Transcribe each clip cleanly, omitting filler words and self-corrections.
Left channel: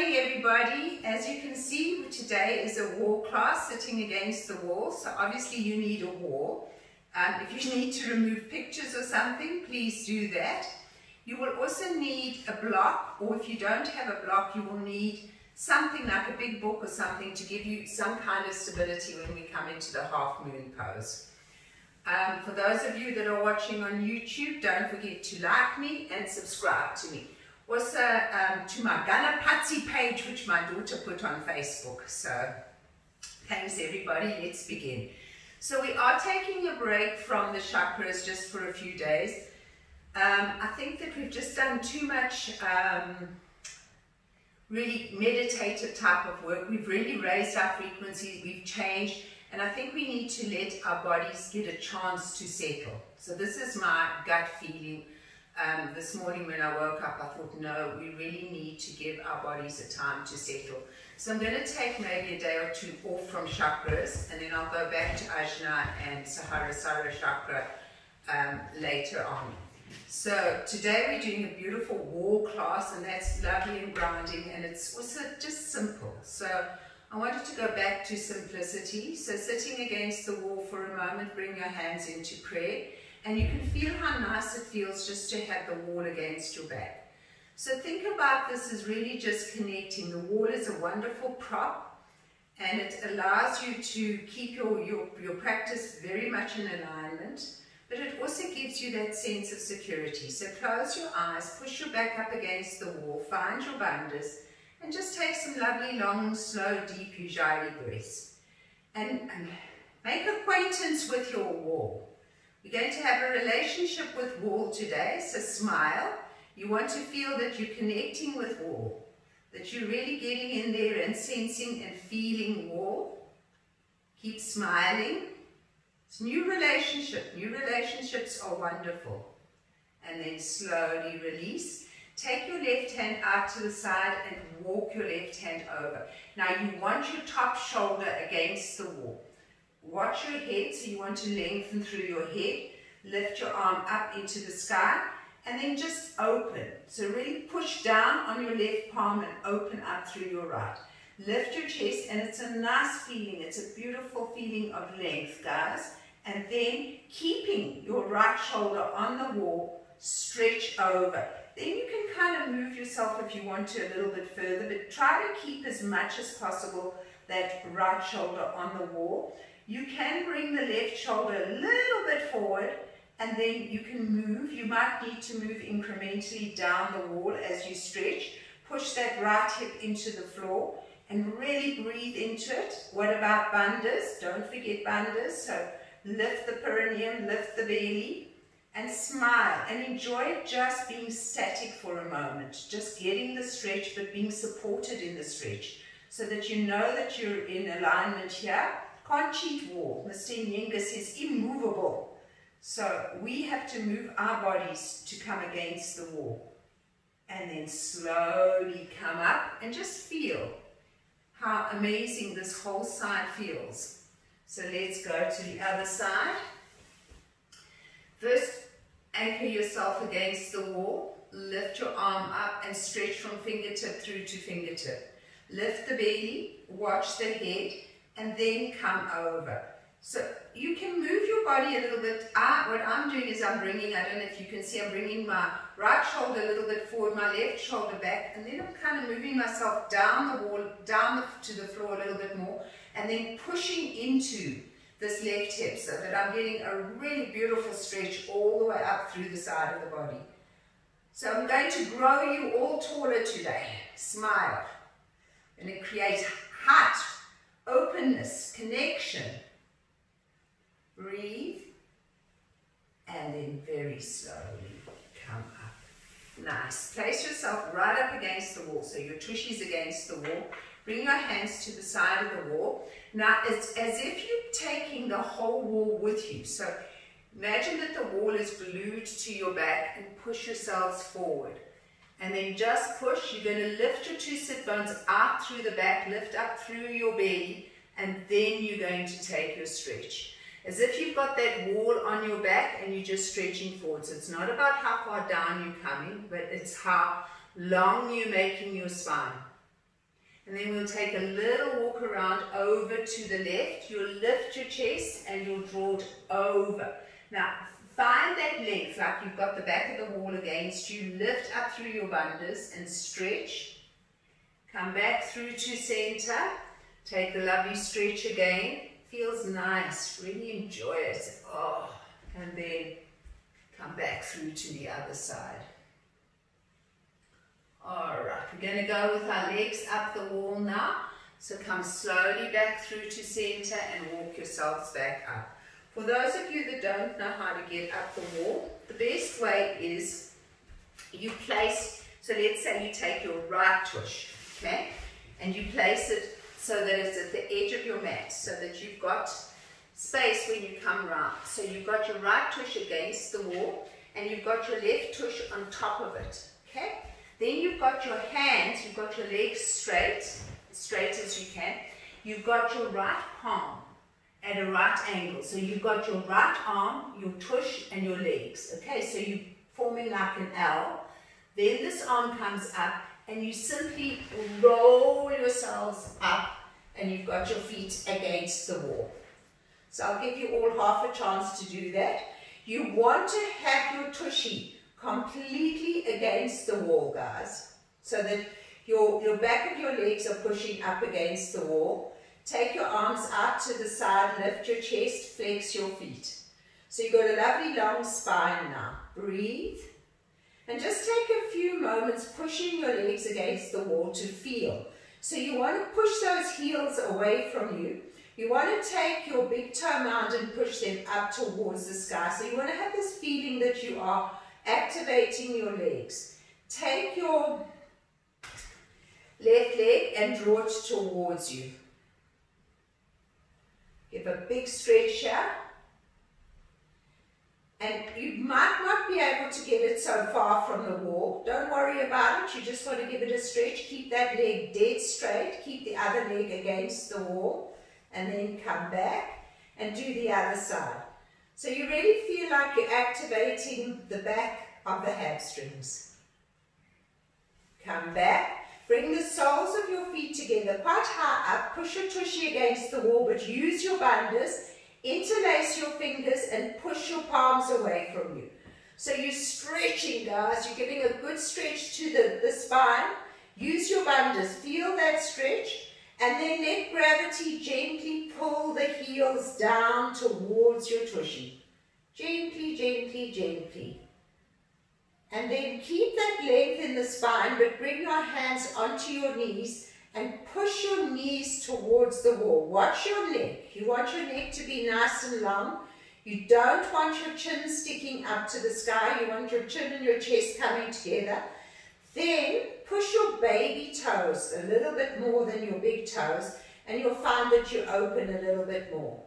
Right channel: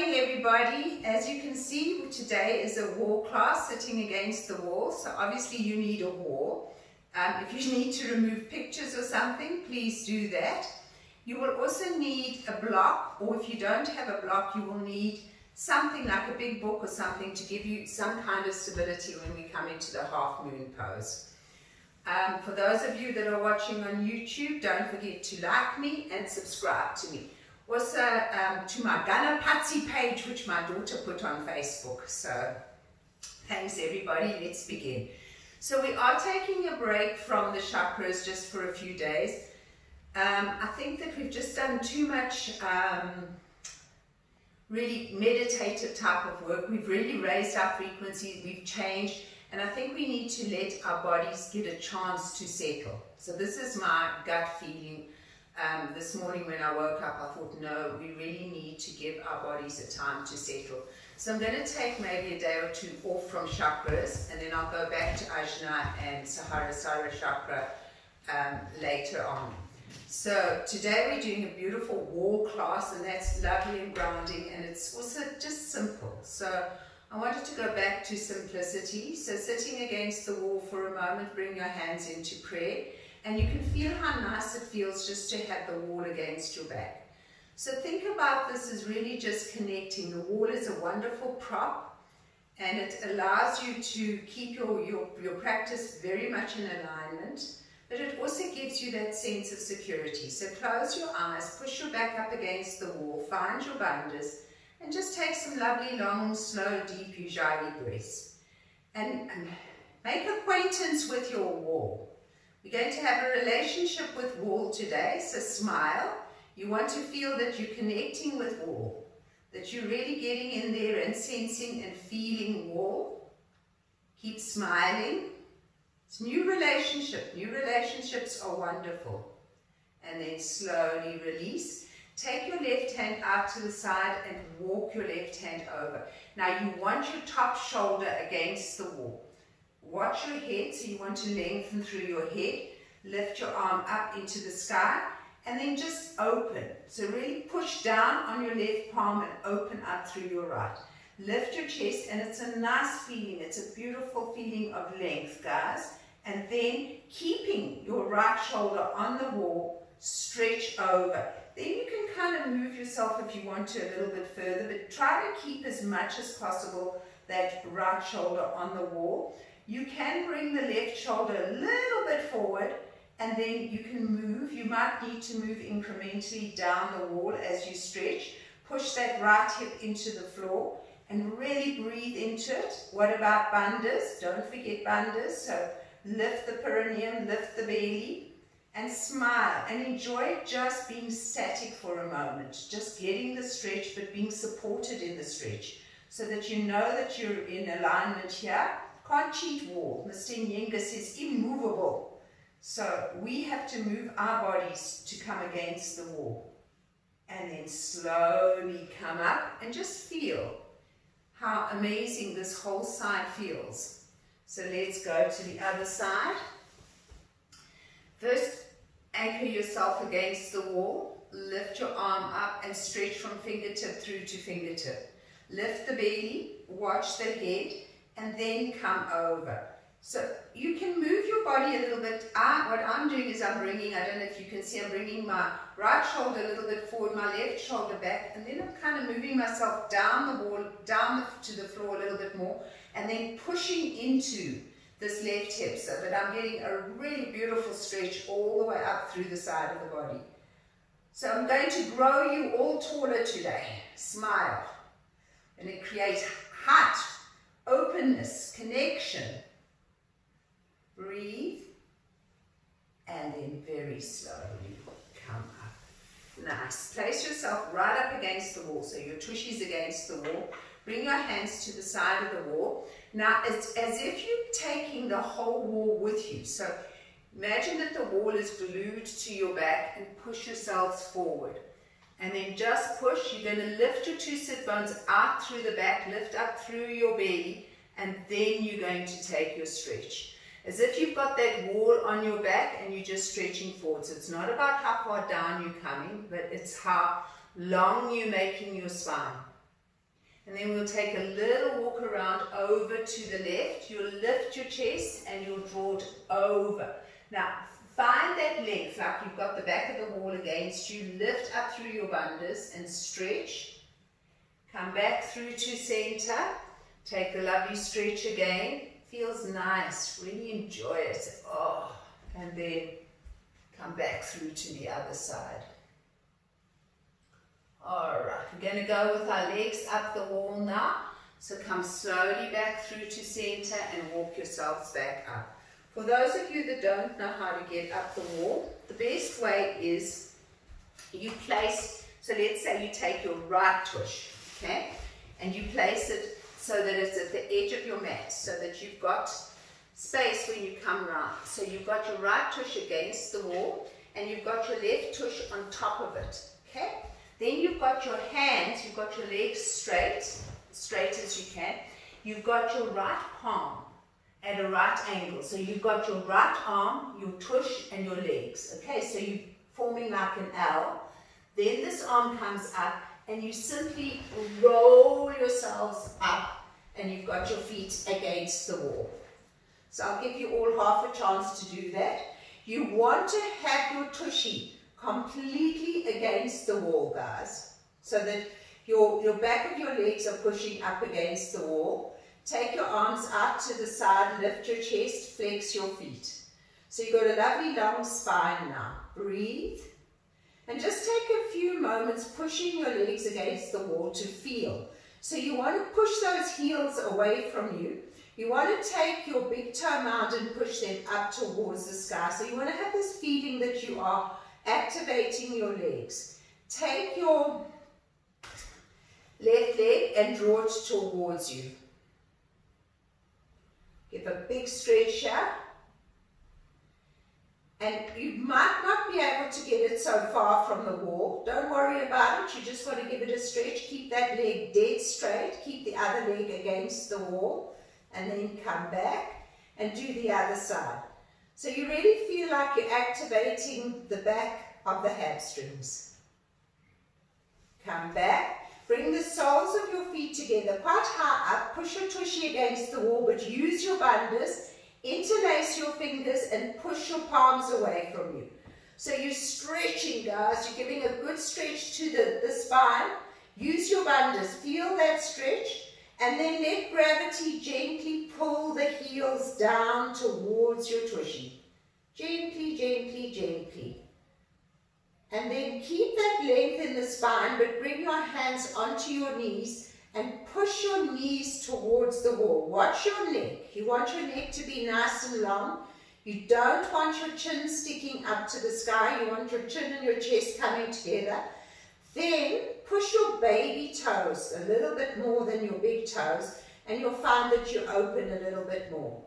Hey everybody, as you can see, today is a wall class, sitting against the wall. So obviously you need a wall. If you need to remove pictures or something, please do that. You will also need a block, or if you don't have a block, you will need something like a big book or something to give you some kind of stability when we come into the half moon pose. For those of you that are watching on YouTube, don't forget to like me and subscribe to me. Also to my Ganapatsy page, which my daughter put on Facebook. So thanks everybody, let's begin. So we are taking a break from the chakras just for a few days. I think that we've just done too much really meditative type of work. We've really raised our frequency, we've changed, and I think we need to let our bodies get a chance to settle. So this is my gut feeling. This morning when I woke up, I thought, no, we really need to give our bodies a time to settle. So I'm going to take maybe a day or two off from chakras, and then I'll go back to Ajna and Shavasana chakra later on. So today we're doing a beautiful wall class, and that's lovely and grounding, and it's also just simple. So I wanted to go back to simplicity. So sitting against the wall for a moment, bring your hands into prayer. And you can feel how nice it feels just to have the wall against your back. So think about this as really just connecting. The wall is a wonderful prop, and it allows you to keep your practice very much in alignment, but it also gives you that sense of security. So close your eyes, push your back up against the wall, find your bandhas, and just take some lovely, long, slow, deep Ujjayi breaths. And make acquaintance with your wall. We're going to have a relationship with wall today, so smile. You want to feel that you're connecting with wall, that you're really getting in there and sensing and feeling wall. Keep smiling. It's a new relationship. New relationships are wonderful. And then slowly release. Take your left hand out to the side and walk your left hand over. Now you want your top shoulder against the wall. Watch your head, so you want to lengthen through your head. Lift your arm up into the sky, and then just open. So really push down on your left palm and open up through your right. Lift your chest, and it's a nice feeling. It's a beautiful feeling of length, guys. And then keeping your right shoulder on the wall, stretch over. Then you can kind of move yourself if you want to a little bit further, but try to keep as much as possible that right shoulder on the wall. You can bring the left shoulder a little bit forward, and then you can move. You might need to move incrementally down the wall as you stretch. Push that right hip into the floor and really breathe into it. What about bandhas? Don't forget bandhas. So lift the perineum, lift the belly, and smile. And enjoy just being static for a moment. Just getting the stretch, but being supported in the stretch, so that you know that you're in alignment here. Can't cheat wall. Mr. Nyenga says immovable. So we have to move our bodies to come against the wall. And then slowly come up and just feel how amazing this whole side feels. So let's go to the other side. First, anchor yourself against the wall. Lift your arm up and stretch from fingertip through to fingertip. Lift the belly, watch the head, and then come over. So you can move your body a little bit. What I'm doing is I'm bringing, I don't know if you can see, I'm bringing my right shoulder a little bit forward, my left shoulder back, and then I'm kind of moving myself down the wall, down to the floor a little bit more, and then pushing into this left hip so that I'm getting a really beautiful stretch all the way up through the side of the body. So I'm going to grow you all taller today. Smile. And it creates height, openness, connection. Breathe, and then very slowly come up. Nice. Place yourself right up against the wall, so your tushy's against the wall. Bring your hands to the side of the wall. Now it's as if you're taking the whole wall with you. So imagine that the wall is glued to your back, and push yourselves forward. And then just push. You're going to lift your two sit bones out through the back, lift up through your belly, and then you're going to take your stretch. As if you've got that wall on your back and you're just stretching forward. So it's not about how far down you're coming, but it's how long you're making your spine. And then we'll take a little walk around over to the left. You'll lift your chest and you'll draw it over. Now, find that length, like you've got the back of the wall against you. Lift up through your bandhas and stretch. Come back through to center. Take the lovely stretch again. Feels nice. Really enjoy it. Oh, and then come back through to the other side. Alright, we're going to go with our legs up the wall now. So come slowly back through to center and walk yourselves back up. For those of you that don't know how to get up the wall, the best way is you place, so let's say you take your right tush, okay, and you place it so that it's at the edge of your mat, so that you've got space when you come round. So you've got your right tush against the wall, and you've got your left tush on top of it, okay? Then you've got your hands, you've got your legs straight as you can. You've got your right palm at a right angle. So you've got your right arm, your tush, and your legs. Okay, so you're forming like an L. Then this arm comes up, and you simply roll yourselves up, and you've got your feet against the wall. So I'll give you all half a chance to do that. You want to have your tushy completely against the wall, guys, so that your back of your legs are pushing up against the wall. Take your arms out to the side, lift your chest, flex your feet. So you've got a lovely long spine now. Breathe. And just take a few moments pushing your legs against the wall to feel. So you want to push those heels away from you. You want to take your big toe mound and push them up towards the sky. So you want to have this feeling that you are activating your legs. Take your left leg and draw it towards you. Give a big stretch here. And you might not be able to get it so far from the wall. Don't worry about it. You just want to give it a stretch. Keep that leg dead straight. Keep the other leg against the wall. And then come back and do the other side. So you really feel like you're activating the back of the hamstrings. Come back, bring the soles of your feet together quite high up, push your tushy against the wall, but use your bandhas, interlace your fingers and push your palms away from you. So you're stretching, guys, you're giving a good stretch to the spine. Use your bandhas, feel that stretch, and then let gravity gently pull the heels down towards your tushy. Gently, gently, gently. And then keep that length in the spine, but bring your hands onto your knees and push your knees towards the wall. Watch your neck. You want your neck to be nice and long. You don't want your chin sticking up to the sky. You want your chin and your chest coming together. Then push your baby toes a little bit more than your big toes, and you'll find that you open a little bit more.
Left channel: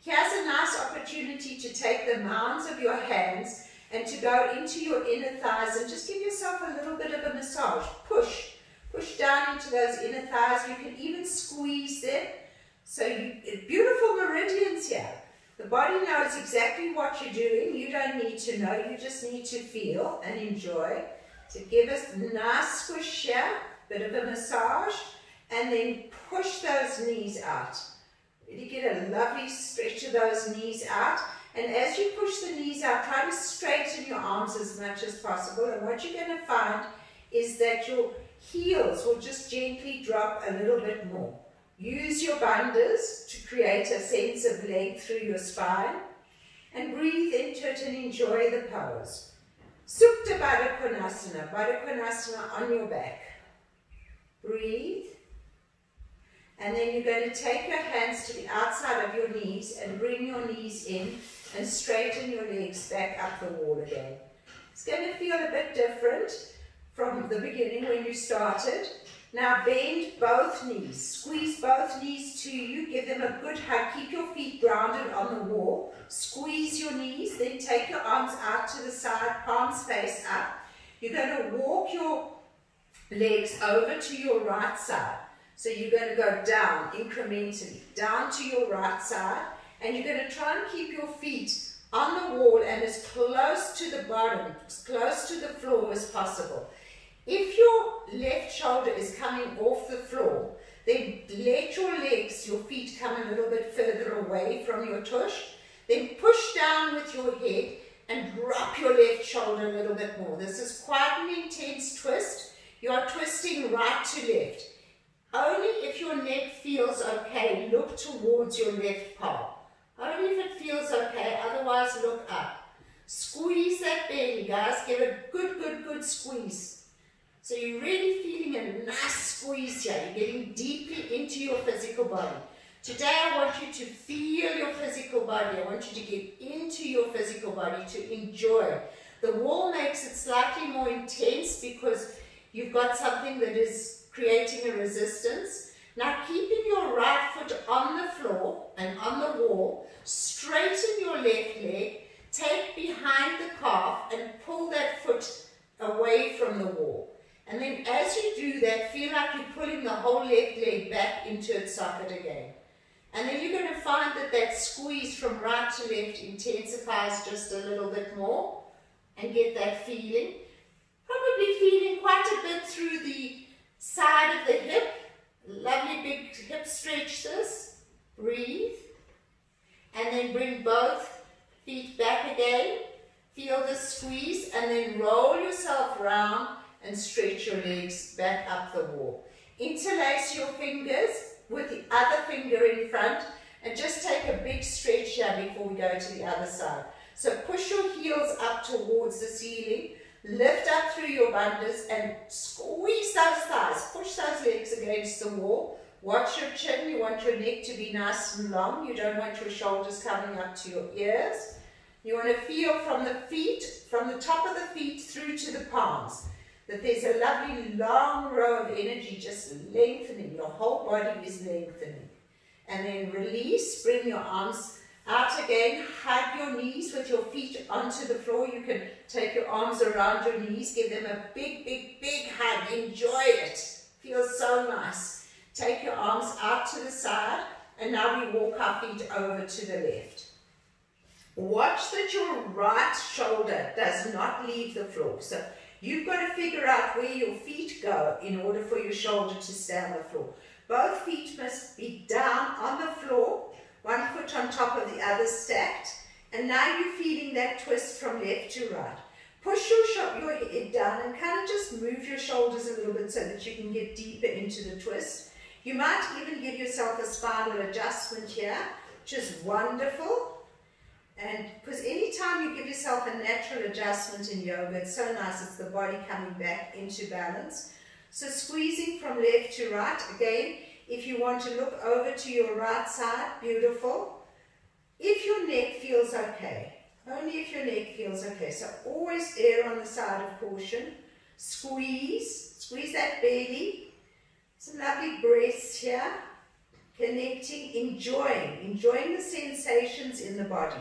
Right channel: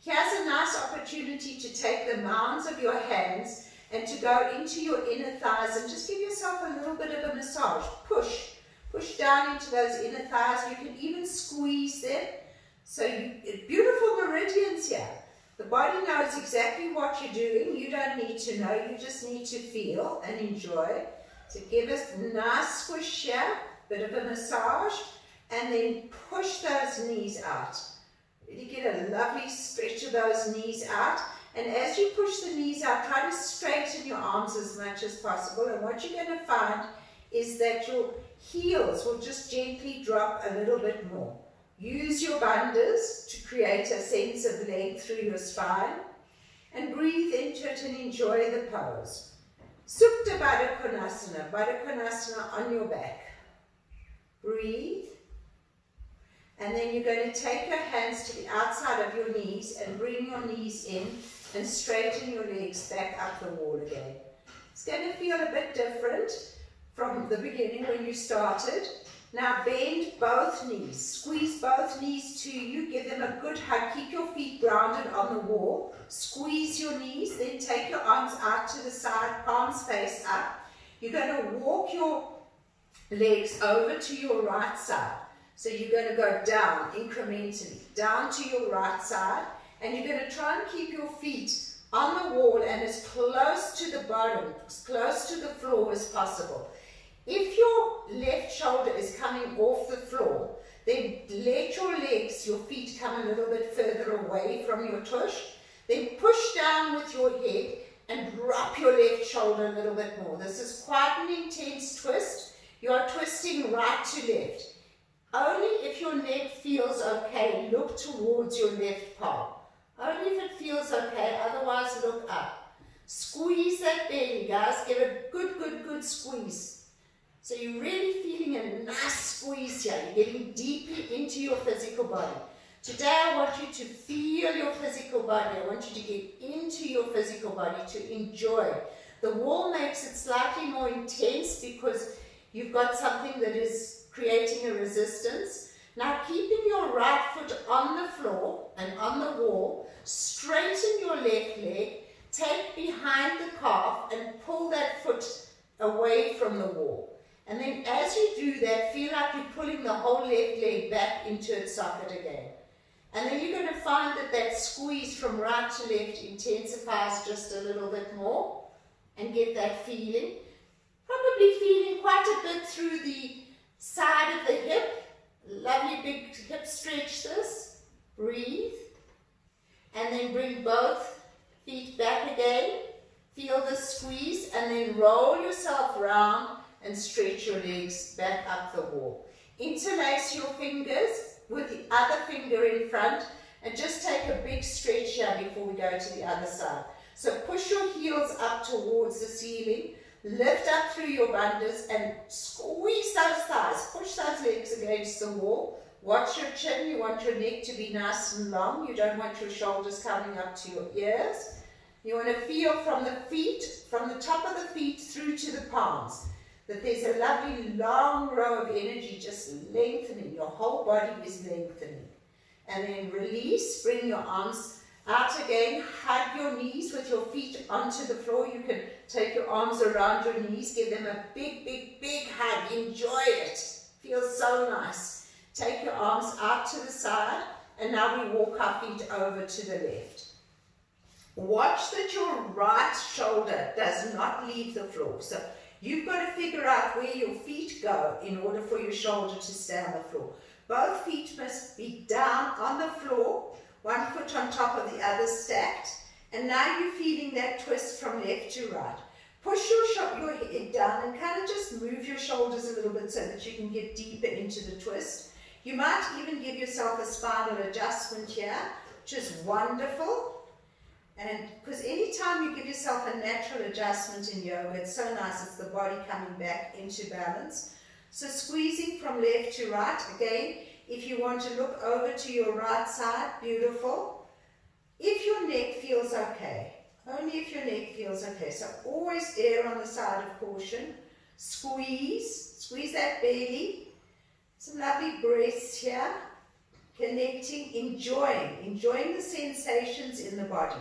Here's a nice opportunity to take the mounds of your hands and to go into your inner thighs and just give yourself a little bit of a massage. Push down into those inner thighs. You can even squeeze them. So beautiful meridians here. The body knows exactly what you're doing. You don't need to know. You just need to feel and enjoy. So give us a nice squish here, bit of a massage, and then push those knees out. Really get a lovely stretch of those knees out. And as you push the knees out, try to straighten your arms as much as possible. And what you're going to find is that your heels will just gently drop a little bit more. Use your bandhas to create a sense of length through your spine. And breathe into it and enjoy the pose. Supta Bharapanasana, Bharapanasana on your back. Breathe. And then you're going to take your hands to the outside of your knees and bring your knees in and straighten your legs back up the wall again. It's going to feel a bit different from the beginning when you started. Now bend both knees, squeeze both knees to you, give them a good hug, keep your feet grounded on the wall, squeeze your knees, then take your arms out to the side, palms face up. You're going to walk your legs over to your right side. So you're going to go down incrementally, down to your right side, and you're going to try and keep your feet on the wall and as close to the bottom, as close to the floor as possible. If your left shoulder is coming off the floor, Then let your legs, your feet come a little bit further away from your tush. Then push down with your head and drop your left shoulder a little bit more. This is quite an intense twist. You are twisting right to left. Only if your neck feels okay, look towards your left palm. Only if it feels okay, otherwise look up. Squeeze that belly, guys. Get a good squeeze. So you're really feeling a nice squeeze here. You're getting deeply into your physical body. Today I want you to feel your physical body. I want you to get into your physical body, to enjoy. The wall makes it slightly more intense because you've got something that is creating a resistance. Now keeping your right foot on the floor and on the wall, straighten your left leg, take behind the calf and pull that foot away from the wall. And then as you do that, feel like you're pulling the whole left leg back into its socket again. And then you're going to find that that squeeze from right to left intensifies just a little bit more and get that feeling. Probably feeling quite a bit through the side of the hip. Lovely big hip stretch this. Breathe. And then bring both feet back again. Feel the squeeze and then roll yourself round and stretch your legs back up the wall. Interlace your fingers with the other finger in front and just take a big stretch here before we go to the other side. So push your heels up towards the ceiling, lift up through your bandhas and squeeze those thighs. Push those legs against the wall. Watch your chin. You want your neck to be nice and long. You don't want your shoulders coming up to your ears. You want to feel from the feet, from the top of the feet through to the palms, that there's a lovely long row of energy just lengthening. Your whole body is lengthening. And then release, bring your arms out again, hug your knees with your feet onto the floor. You can take your arms around your knees, give them a big hug. Enjoy it. Feels so nice. Take your arms out to the side, and now we walk our feet over to the left. Watch that your right shoulder does not leave the floor. So you've got to figure out where your feet go in order for your shoulder to stay on the floor. Both feet must be down on the floor, one foot on top of the other stacked. And now you're feeling that twist from left to right. Push your head down and kind of just move your shoulders a little bit so that you can get deeper into the twist. You might even give yourself a spinal adjustment here, which is wonderful. And because anytime you give yourself a natural adjustment in yoga, it's so nice. It's the body coming back into balance. So squeezing from left to right. Again, if you want to look over to your right side, beautiful. If your neck feels okay, only if your neck feels okay. So always err on the side of caution. Squeeze that belly. Some lovely breaths here. Connecting, enjoying the sensations in the body.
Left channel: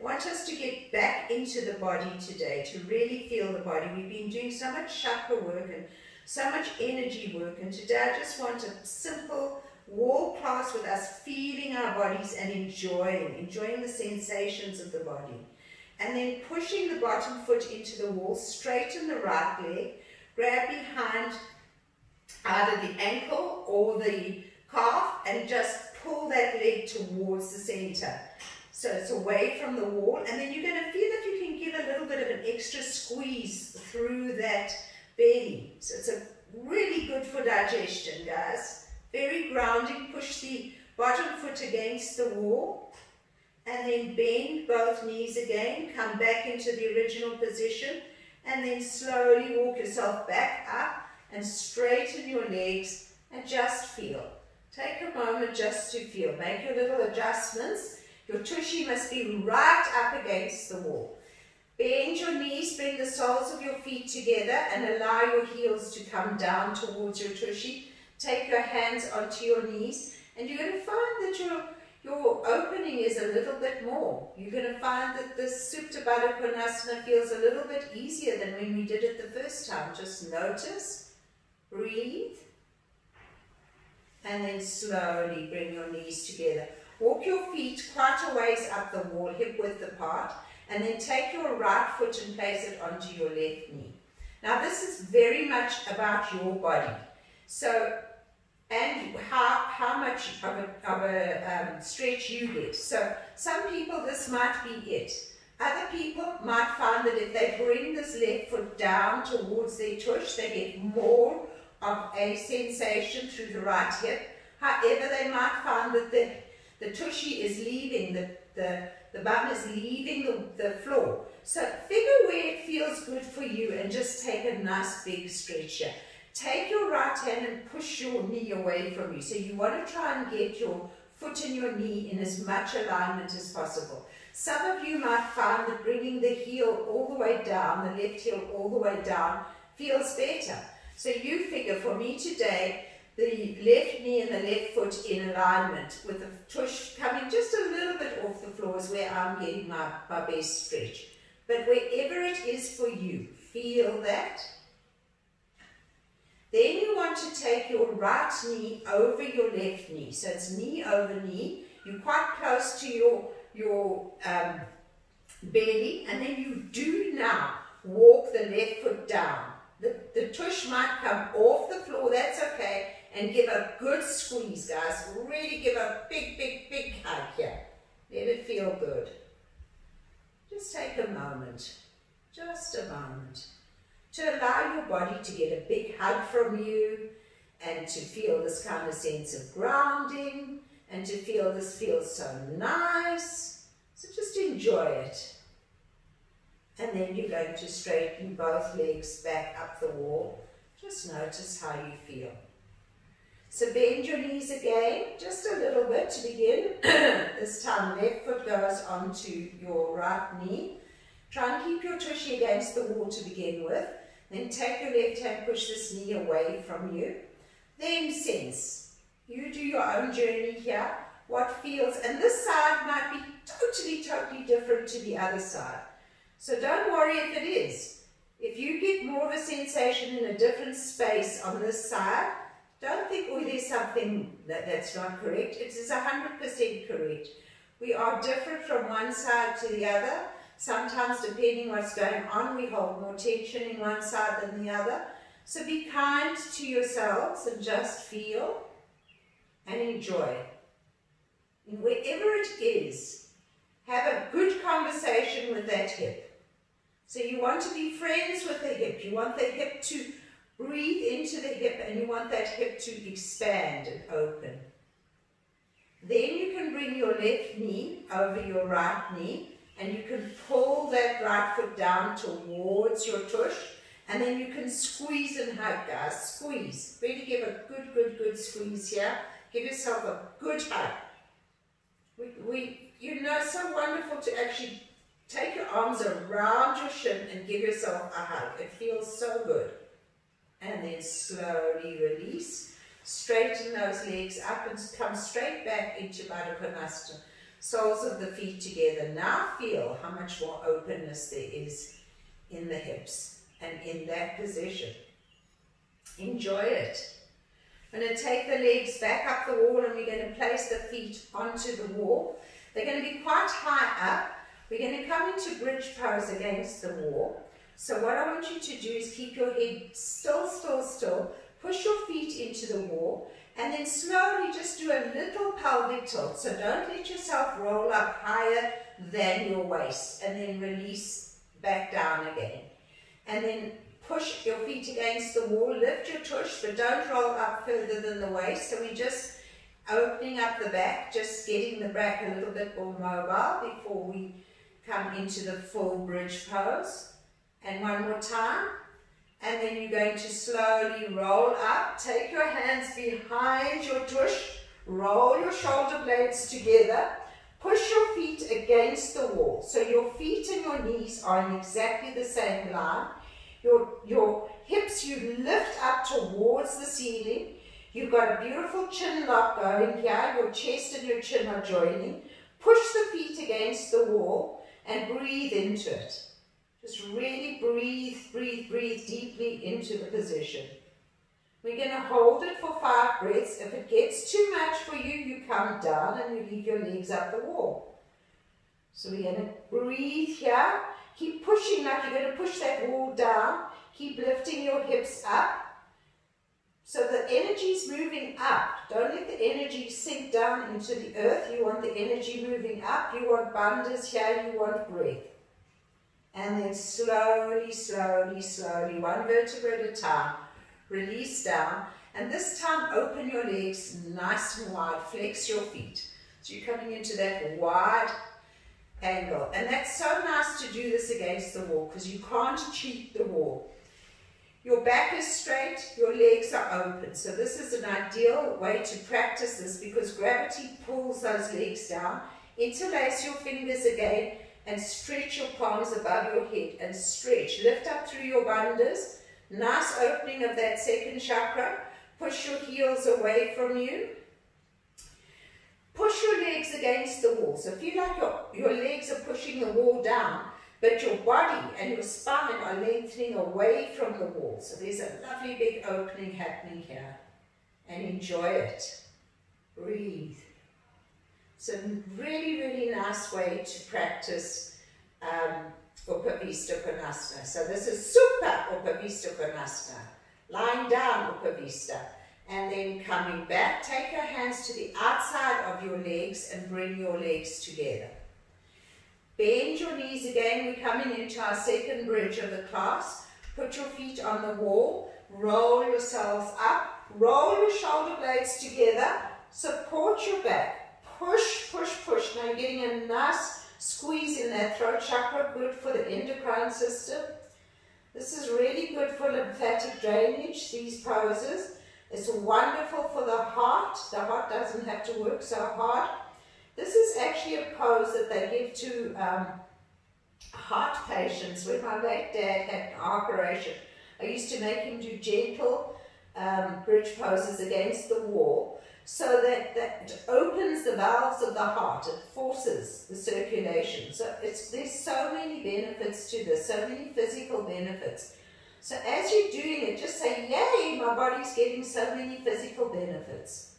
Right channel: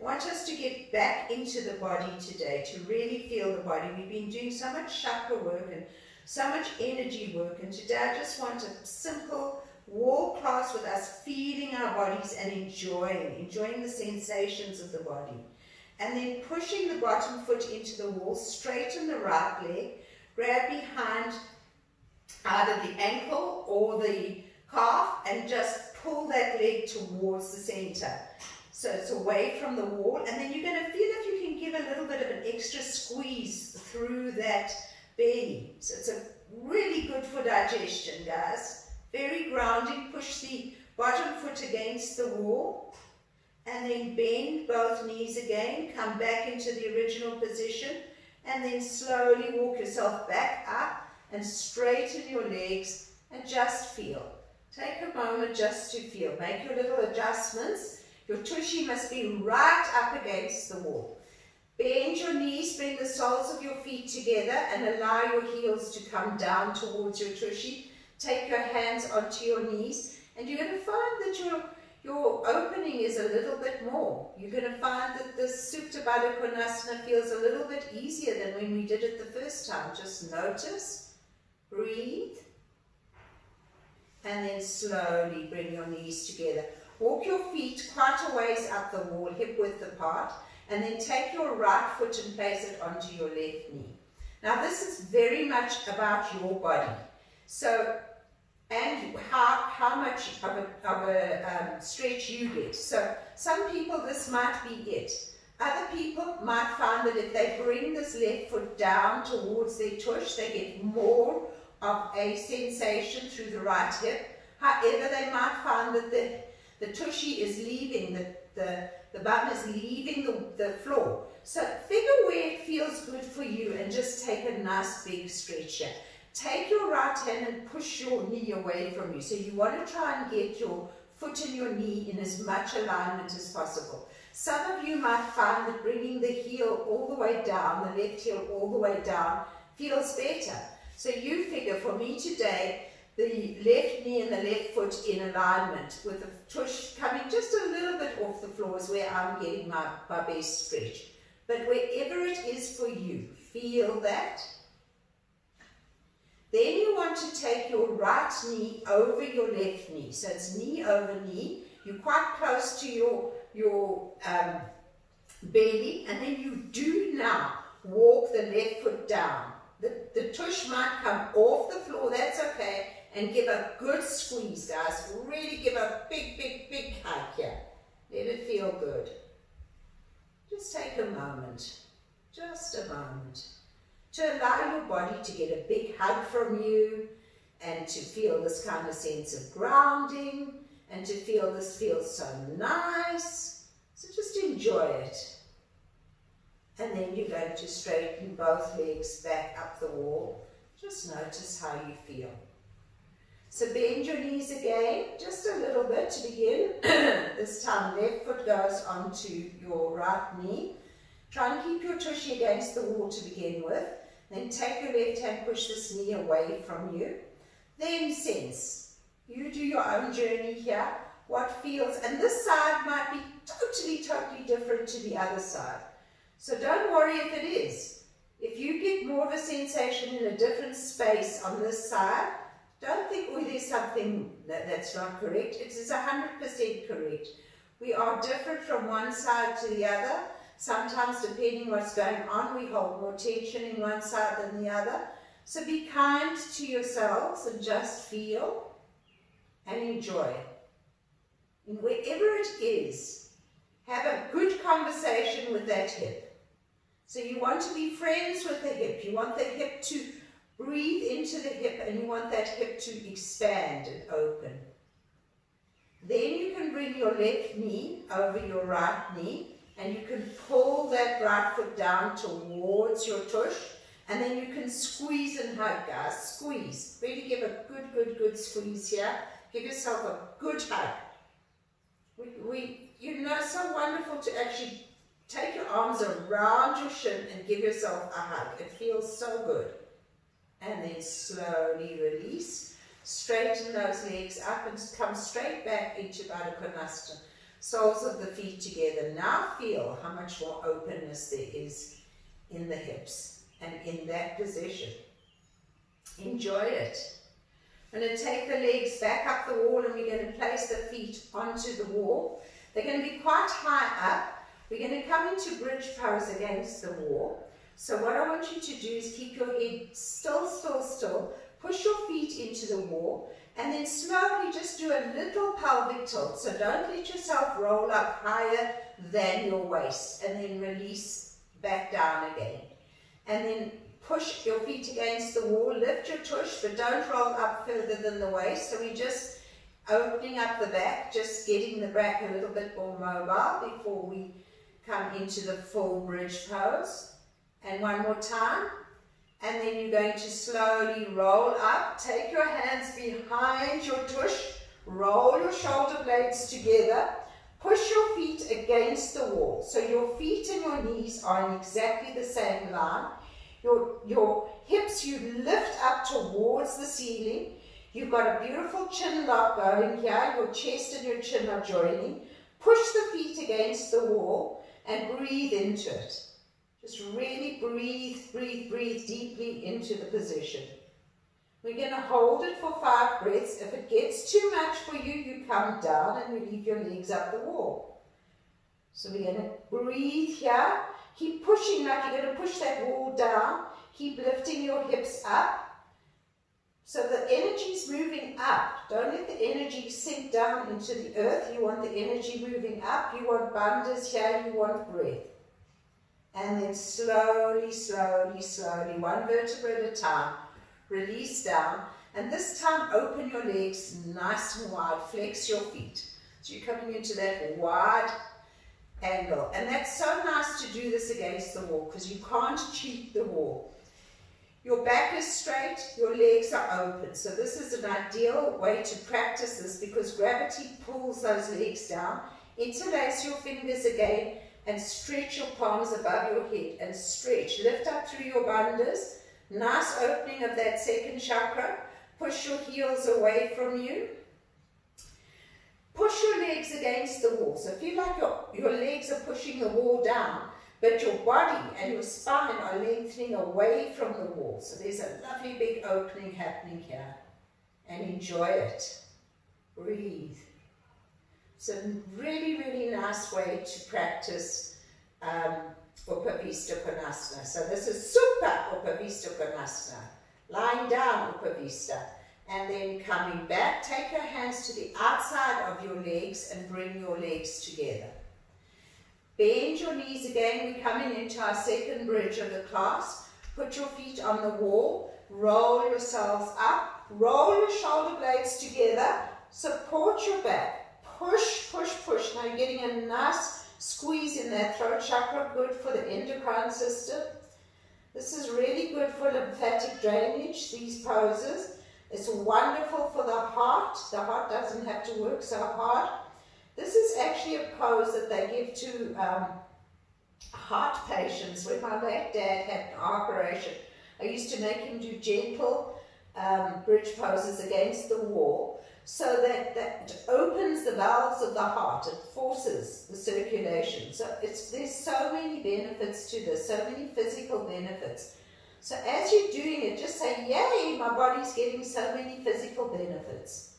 I want us to get back into the body today, to really feel the body. We've been doing so much chakra work and so much energy work, and today I just want a simple wall class with us feeling our bodies and enjoying the sensations of the body. And then pushing the bottom foot into the wall, straighten the right leg, grab behind either the ankle or the calf and just pull that leg towards the center. So it's away from the wall, and then you're going to feel that you can give a little bit of an extra squeeze through that belly. So it's a really good for digestion, guys. Very grounding. Push the bottom foot against the wall, and then bend both knees again. Come back into the original position, and then slowly walk yourself back up and straighten your legs and just feel. Take a moment just to feel. Make your little adjustments. Your tushy must be right up against the wall. Bend your knees, bring the soles of your feet together and allow your heels to come down towards your tushy. Take your hands onto your knees, and you're going to find that your opening is a little bit more. You're going to find that the Supta Bharapanasana feels a little bit easier than when we did it the first time. Just notice, breathe, and then slowly bring your knees together. Walk your feet quite a ways up the wall, hip width apart, and then take your right foot and place it onto your left knee. Now this is very much about your body. So, and how much of a stretch you get. So some people, this might be it. Other people might find that if they bring this left foot down towards their tush, they get more of a sensation through the right hip. However, they might find that the tushy is leaving, the bum is leaving the floor. So figure where it feels good for you and just take a nice big stretch here. Take your right hand and push your knee away from you. So you want to try and get your foot and your knee in as much alignment as possible. Some of you might find that bringing the heel all the way down, the left heel all the way down, feels better. So you figure, for me today, the left knee and the left foot in alignment with the tush coming just a little bit off the floor is where I'm getting my best stretch. But wherever it is for you, feel that. Then you want to take your right knee over your left knee. So it's knee over knee. You're quite close to your belly, and then you do now walk the left foot down. The tush might come off the floor, that's okay, and give a good squeeze, guys. Really give a big, big, big hug here. Let it feel good. Just take a moment, just a moment, to allow your body to get a big hug from you and to feel this kind of sense of grounding and to feel this feels so nice. So just enjoy it. And then you're going to straighten both legs back up the wall. Just notice how you feel. So bend your knees again, just a little bit to begin. This time left foot goes onto your right knee. Try and keep your tushy against the wall to begin with. Then take your left hand, push this knee away from you. Then sense. You do your own journey here. What feels, and this side might be totally different to the other side. So don't worry if it is. If you get more of a sensation in a different space on this side, don't think, oh, there's something that's not correct. It is 100% correct. We are different from one side to the other. Sometimes, depending what's going on, we hold more tension in one side than the other. So be kind to yourselves and just feel and enjoy. And wherever it is, have a good conversation with that hip. So you want to be friends with the hip. You want the hip to breathe into the hip, and you want that hip to expand and open. Then you can bring your left knee over your right knee, and you can pull that right foot down towards your tush, and then you can squeeze and hug, guys. Squeeze. Really give a good squeeze here. Give yourself a good hug. You know, it's so wonderful to actually take your arms around your shin and give yourself a hug. It feels so good. And then slowly release. Straighten those legs up and come straight back into Bharapanasana. Soles of the feet together. Now feel how much more openness there is in the hips and in that position. Enjoy it. I'm going to take the legs back up the wall, and we're going to place the feet onto the wall. They're going to be quite high up. We're going to come into bridge pose against the wall. So what I want you to do is keep your head still. Push your feet into the wall, and then slowly just do a little pelvic tilt. So don't let yourself roll up higher than your waist, and then release back down again. And then push your feet against the wall, lift your tush, but don't roll up further than the waist. So we're just opening up the back, just getting the back a little bit more mobile before we come into the full bridge pose. And one more time. And then you're going to slowly roll up. Take your hands behind your tush. Roll your shoulder blades together. Push your feet against the wall. So your feet and your knees are in exactly the same line. Your hips you lift up towards the ceiling. You've got a beautiful chin lock going here. Your chest and your chin are joining. Push the feet against the wall and breathe into it. Just really breathe deeply into the position. We're going to hold it for 5 breaths. If it gets too much for you, you come down and you leave your legs up the wall. So we're going to breathe here. Keep pushing like you're going to push that wall down. Keep lifting your hips up. So the energy is moving up. Don't let the the energy sink down into the earth. You want the energy moving up. You want bandhas here. You want breath. And then slowly, slowly, slowly, one vertebra at a time, release down. And this time, open your legs nice and wide. Flex your feet. So you're coming into that wide angle. And that's so nice to do this against the wall because you can't cheat the wall. Your back is straight, your legs are open. So this is an ideal way to practice this because gravity pulls those legs down. Interlace your fingers again and stretch your palms above your head and stretch. Lift up through your bandhas. Nice opening of that second chakra. Push your heels away from you. Push your legs against the wall. So feel like your legs are pushing the wall down, but your body and your spine are lengthening away from the wall. So there's a lovely big opening happening here. And enjoy it. Breathe. It's a really, really nice way to practice Upavista Konasana. So this is Supta Upavista Konasana. Lying down Upavista. And then coming back, take your hands to the outside of your legs and bring your legs together. Bend your knees again. We're coming into our second bridge of the class. Put your feet on the wall. Roll yourselves up. Roll your shoulder blades together. Support your back. Push, push, push. Now you're getting a nice squeeze in that throat chakra. Good for the endocrine system. This is really good for lymphatic drainage, these poses. It's wonderful for the heart. The heart doesn't have to work so hard. This is actually a pose that they give to heart patients. When my late dad had an operation, I used to make him do gentle bridge poses against the wall so that opens the valves of the heart. It forces the circulation. So there's so many benefits to this, so many physical benefits. So as you're doing it, just say, yay, my body's getting so many physical benefits.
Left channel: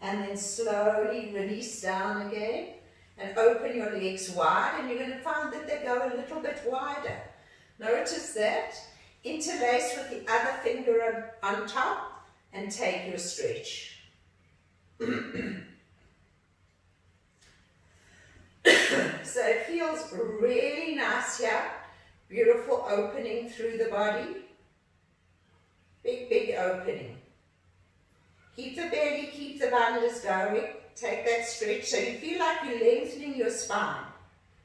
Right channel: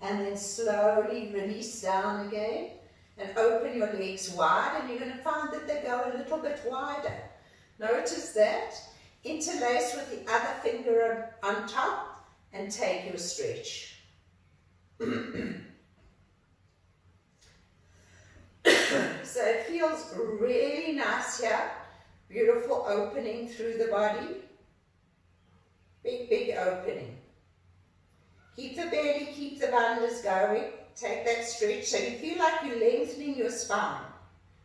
And then slowly release down again and open your legs wide, and you're going to find that they go a little bit wider. Notice that. Interlace with the other finger on top and take your stretch. So it feels really nice here. Beautiful opening through the body. Big, big opening. Keep the belly, keep the bandhas going. Take that stretch so you feel like you're lengthening your spine,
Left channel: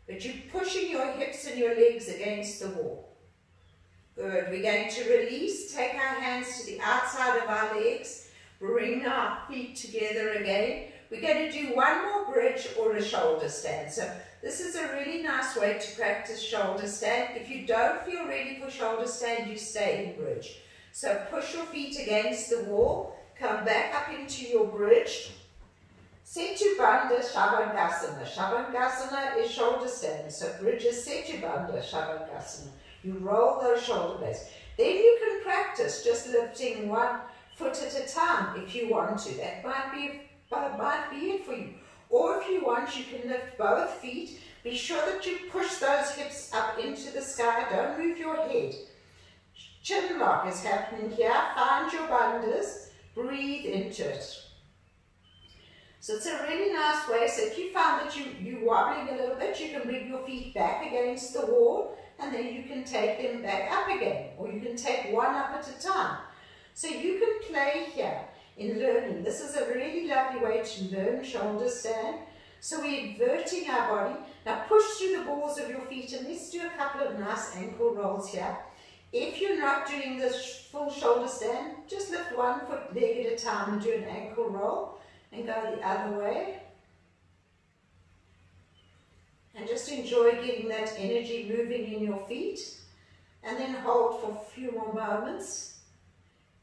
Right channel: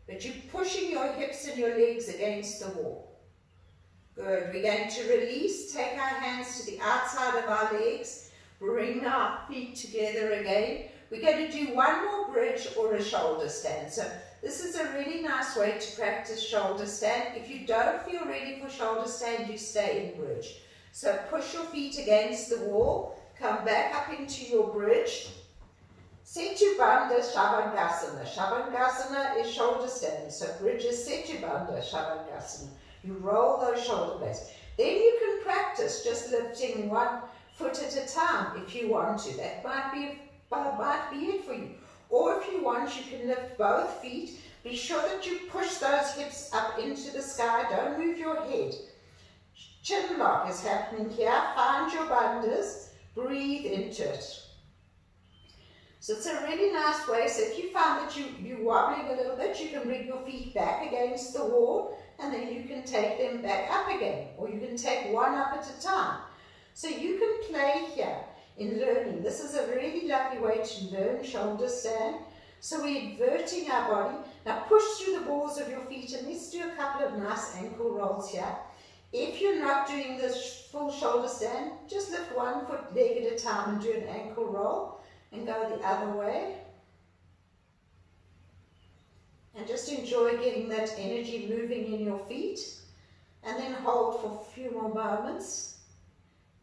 but you're pushing your hips and your legs against the wall. Good. We're going to release. Take our hands to the outside of our legs. Bring our feet together again. We're going to do one more bridge or a shoulder stand. So this is a really nice way to practice shoulder stand. If you don't feel ready for shoulder stand, you stay in bridge. So push your feet against the wall. Come back up into your bridge. Setu Bandha Shavasana. Shavasana is shoulder stand. So bridge is Setu Bandha Shavasana. You roll those shoulder blades. Then you can practice just lifting one foot at a time if you want to. That might be it for you. Or if you want, you can lift both feet. Be sure that you push those hips up into the sky. Don't move your head. Chin lock is happening here. Find your bandhas. Breathe into it. So it's a really nice way. So if you find that you're wobbling a little bit, you can bring your feet back against the wall and then you can take them back up again. Or you can take one up at a time. So you can play here in learning. This is a really lovely way to learn shoulder stand. So we're inverting our body. Now push through the balls of your feet and let's do a couple of nice ankle rolls here. If you're not doing this full shoulder stand, just lift one foot leg at a time and do an ankle roll and go the other way. And just enjoy getting that energy moving in your feet. And then hold for a few more moments.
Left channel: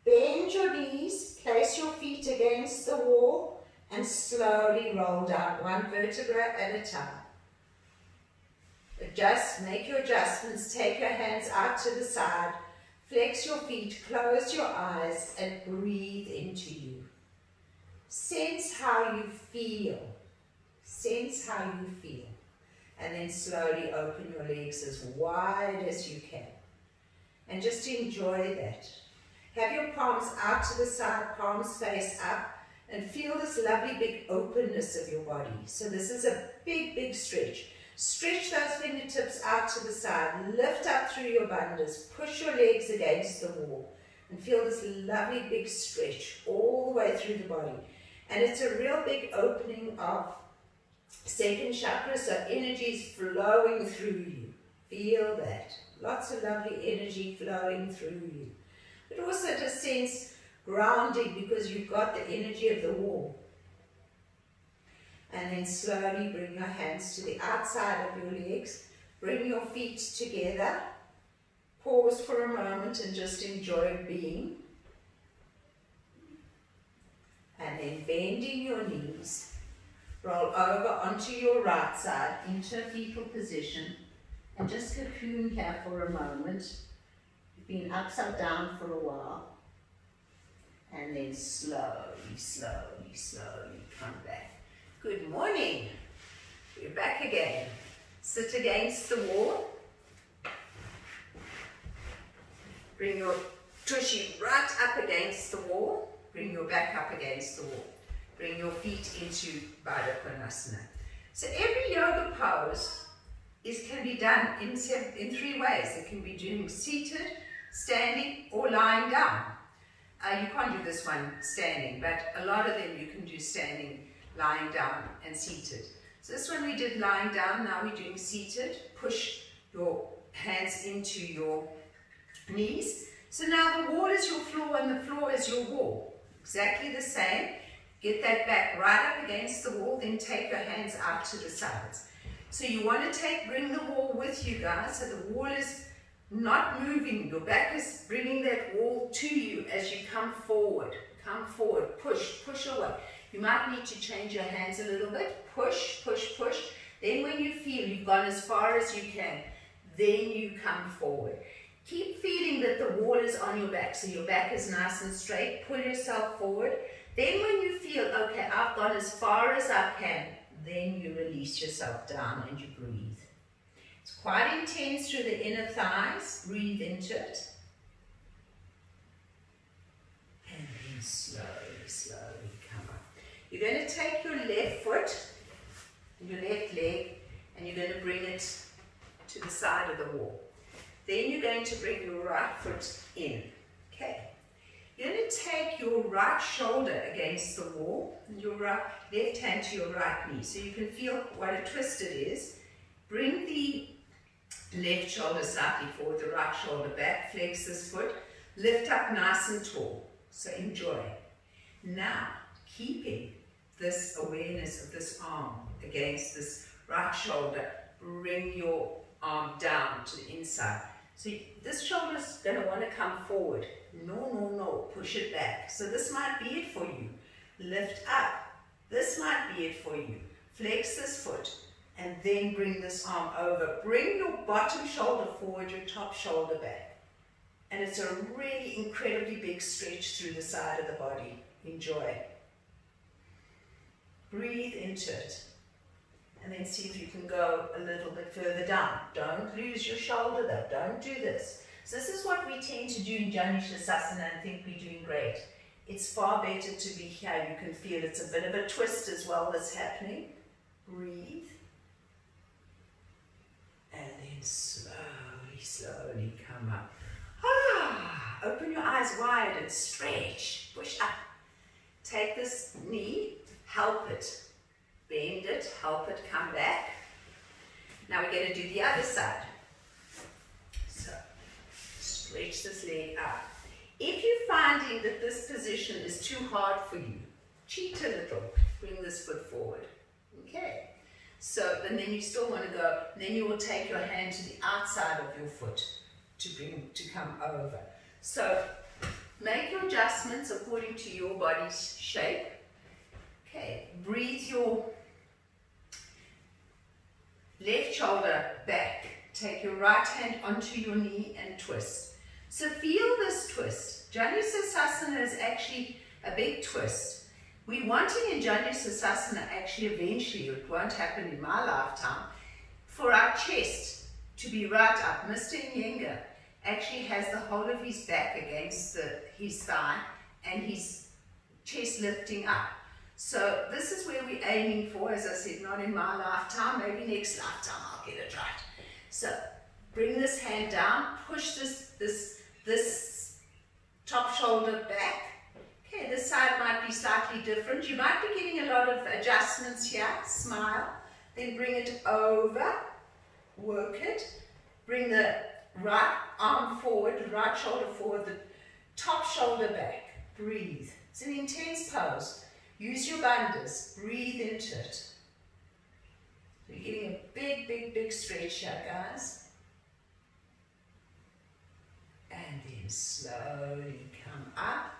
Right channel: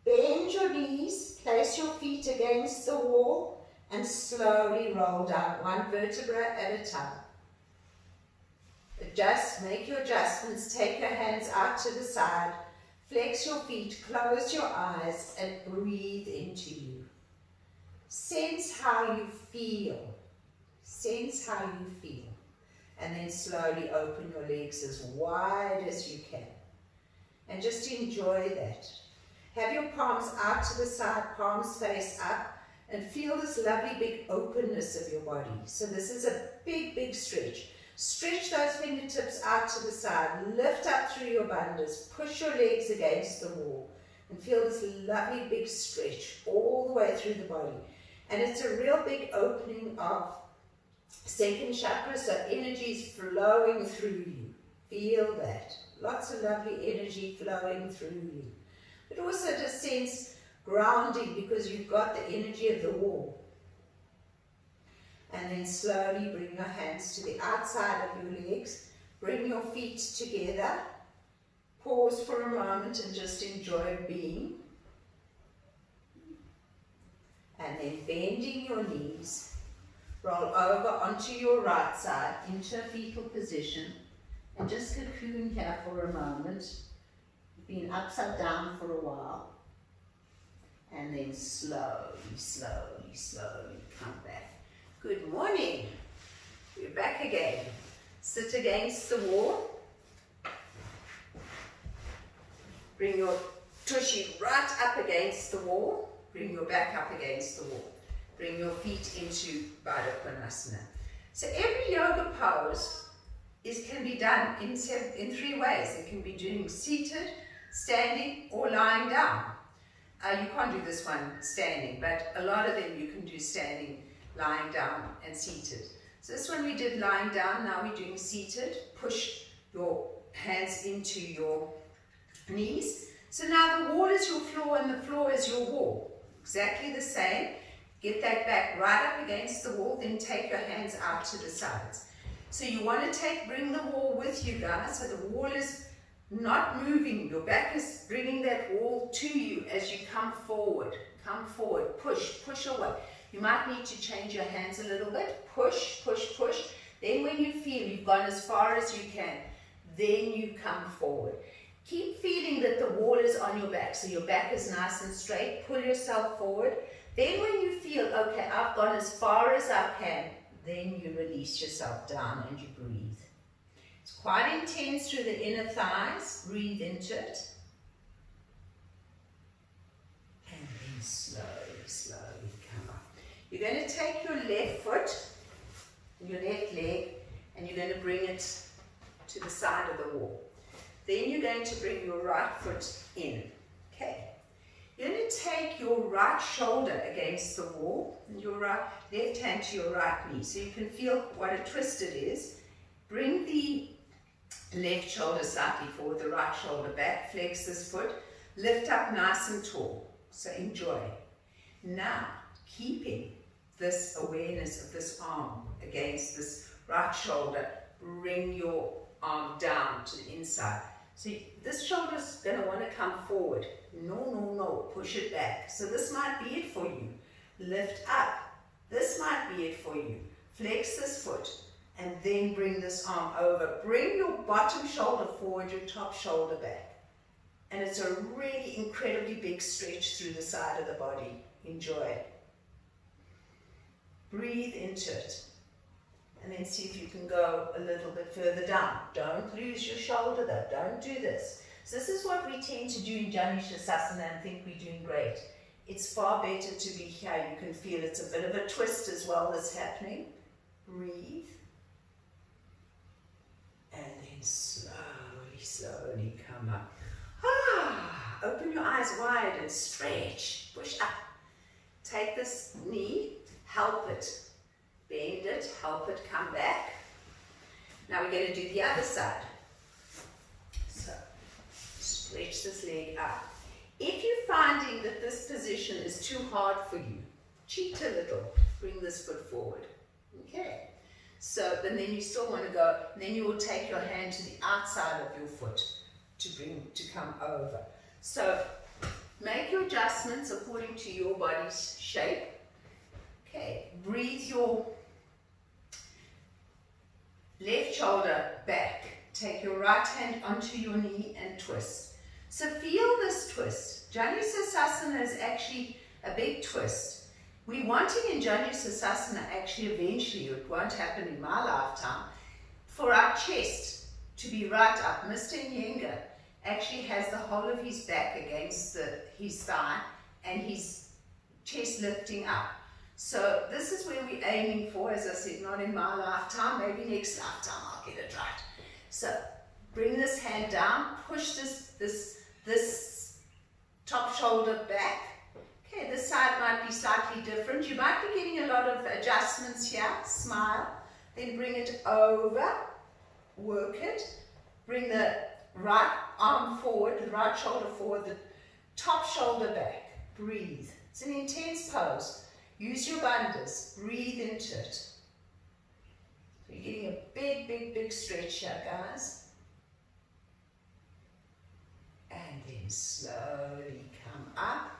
Bend your knees, place your feet against the wall and slowly roll down one vertebra at a time. Adjust, make your adjustments, take your hands out to the side, flex your feet, close your eyes and breathe into you. Sense how you feel. Sense how you feel. And then slowly open your legs as wide as you can. And just enjoy that. Have your palms out to the side, palms face up. and feel this lovely big openness of your body. So this is a big stretch. Stretch those fingertips out to the side, lift up through your bandhas, push your legs against the wall, and feel this lovely big stretch all the way through the body. And it's a real big opening of second chakra, so energy is flowing through you. Feel that. Lots of lovely energy flowing through you. But also just sense grounding because you've got the energy of the wall. And then slowly bring your hands to the outside of your legs. Bring your feet together. Pause for a moment and just enjoy being. And then bending your knees. Roll over onto your right side into a fetal position. And just cocoon here for a moment. You've been upside down for a while. And then slowly come back. Good morning. We're back again. Sit against the wall. Bring your tushy right up against the wall. Bring your back up against the wall. Bring your feet into Bharapanasana. So every yoga pose can be done in 3 ways. It can be doing seated, standing, or lying down. You can't do this one standing, but a lot of them you can do standing, lying down, and seated. So this one we did lying down, now we're doing seated. Push your hands into your knees. So now the wall is your floor and the floor is your wall. Exactly the same. Get that back right up against the wall, then take your hands out to the sides. So you want to bring the wall with you guys, so the wall is not moving. Your back is bringing that wall to you as you come forward. Come forward, push away. You might need to change your hands a little bit. Push. Then when you feel you've gone as far as you can, then you come forward. Keep feeling that the wall is on your back, so your back is nice and straight. Pull yourself forward. Then when you feel, okay, I've gone as far as I can, then you release yourself down and you breathe. It's quite intense through the inner thighs. Breathe into it. And then slowly come up. You're going to take your left foot, your left leg, and you're going to bring it to the side of the wall. Then you're going to bring your right foot in. Okay. You're going to take your right shoulder against the wall and your left hand to your right knee. So you can feel what a twist it is. Bring the left shoulder slightly forward, the right shoulder back, flex this foot, lift up nice and tall. So enjoy. Now, keeping this awareness of this arm against this right shoulder, bring your arm down to the inside. So this shoulder is going to want to come forward. No, push it back. So this might be it for you. Lift up. This might be it for you. Flex this foot and then bring this arm over. Bring your bottom shoulder forward, your top shoulder back. And it's a really incredibly big stretch through the side of the body. Enjoy. Breathe into it. And then see if you can go a little bit further down. Don't lose your shoulder though. Don't do this. So this is what we tend to do in Chandrasana and think we're doing great. It's far better to be here. You can feel it's a bit of a twist as well that's happening. Breathe. And then slowly come up. Open your eyes wide and stretch. Push up. Take this knee, help it. Bend it, help it come back. Now we're going to do the other side. So, stretch this leg up. If you're finding that this position is too hard for you, cheat a little. Bring this foot forward. Okay. So, and then you still want to go, and then you will take your hand to the outside of your foot to come over. So, make your adjustments according to your body's shape. Okay, breathe your left shoulder back. Take your right hand onto your knee and twist. So feel this twist. Chandrasana is actually a big twist. We're wanting in Chandrasana, actually eventually, it won't happen in my lifetime, for our chest to be right up. Mr. Nyenga actually has the whole of his back against his thigh and his chest lifting up. So this is where we're aiming for, as I said, not in my lifetime, maybe next lifetime I'll get it right. So bring this hand down, push this top shoulder back. Okay, this side might be slightly different. You might be getting a lot of adjustments here. Smile, then bring it over, work it. Bring the right arm forward, the right shoulder forward, the top shoulder back. Breathe. It's an intense pose. Use your bandhas. Breathe into it. So you're getting a big, big, big stretch here, guys. And then slowly come up.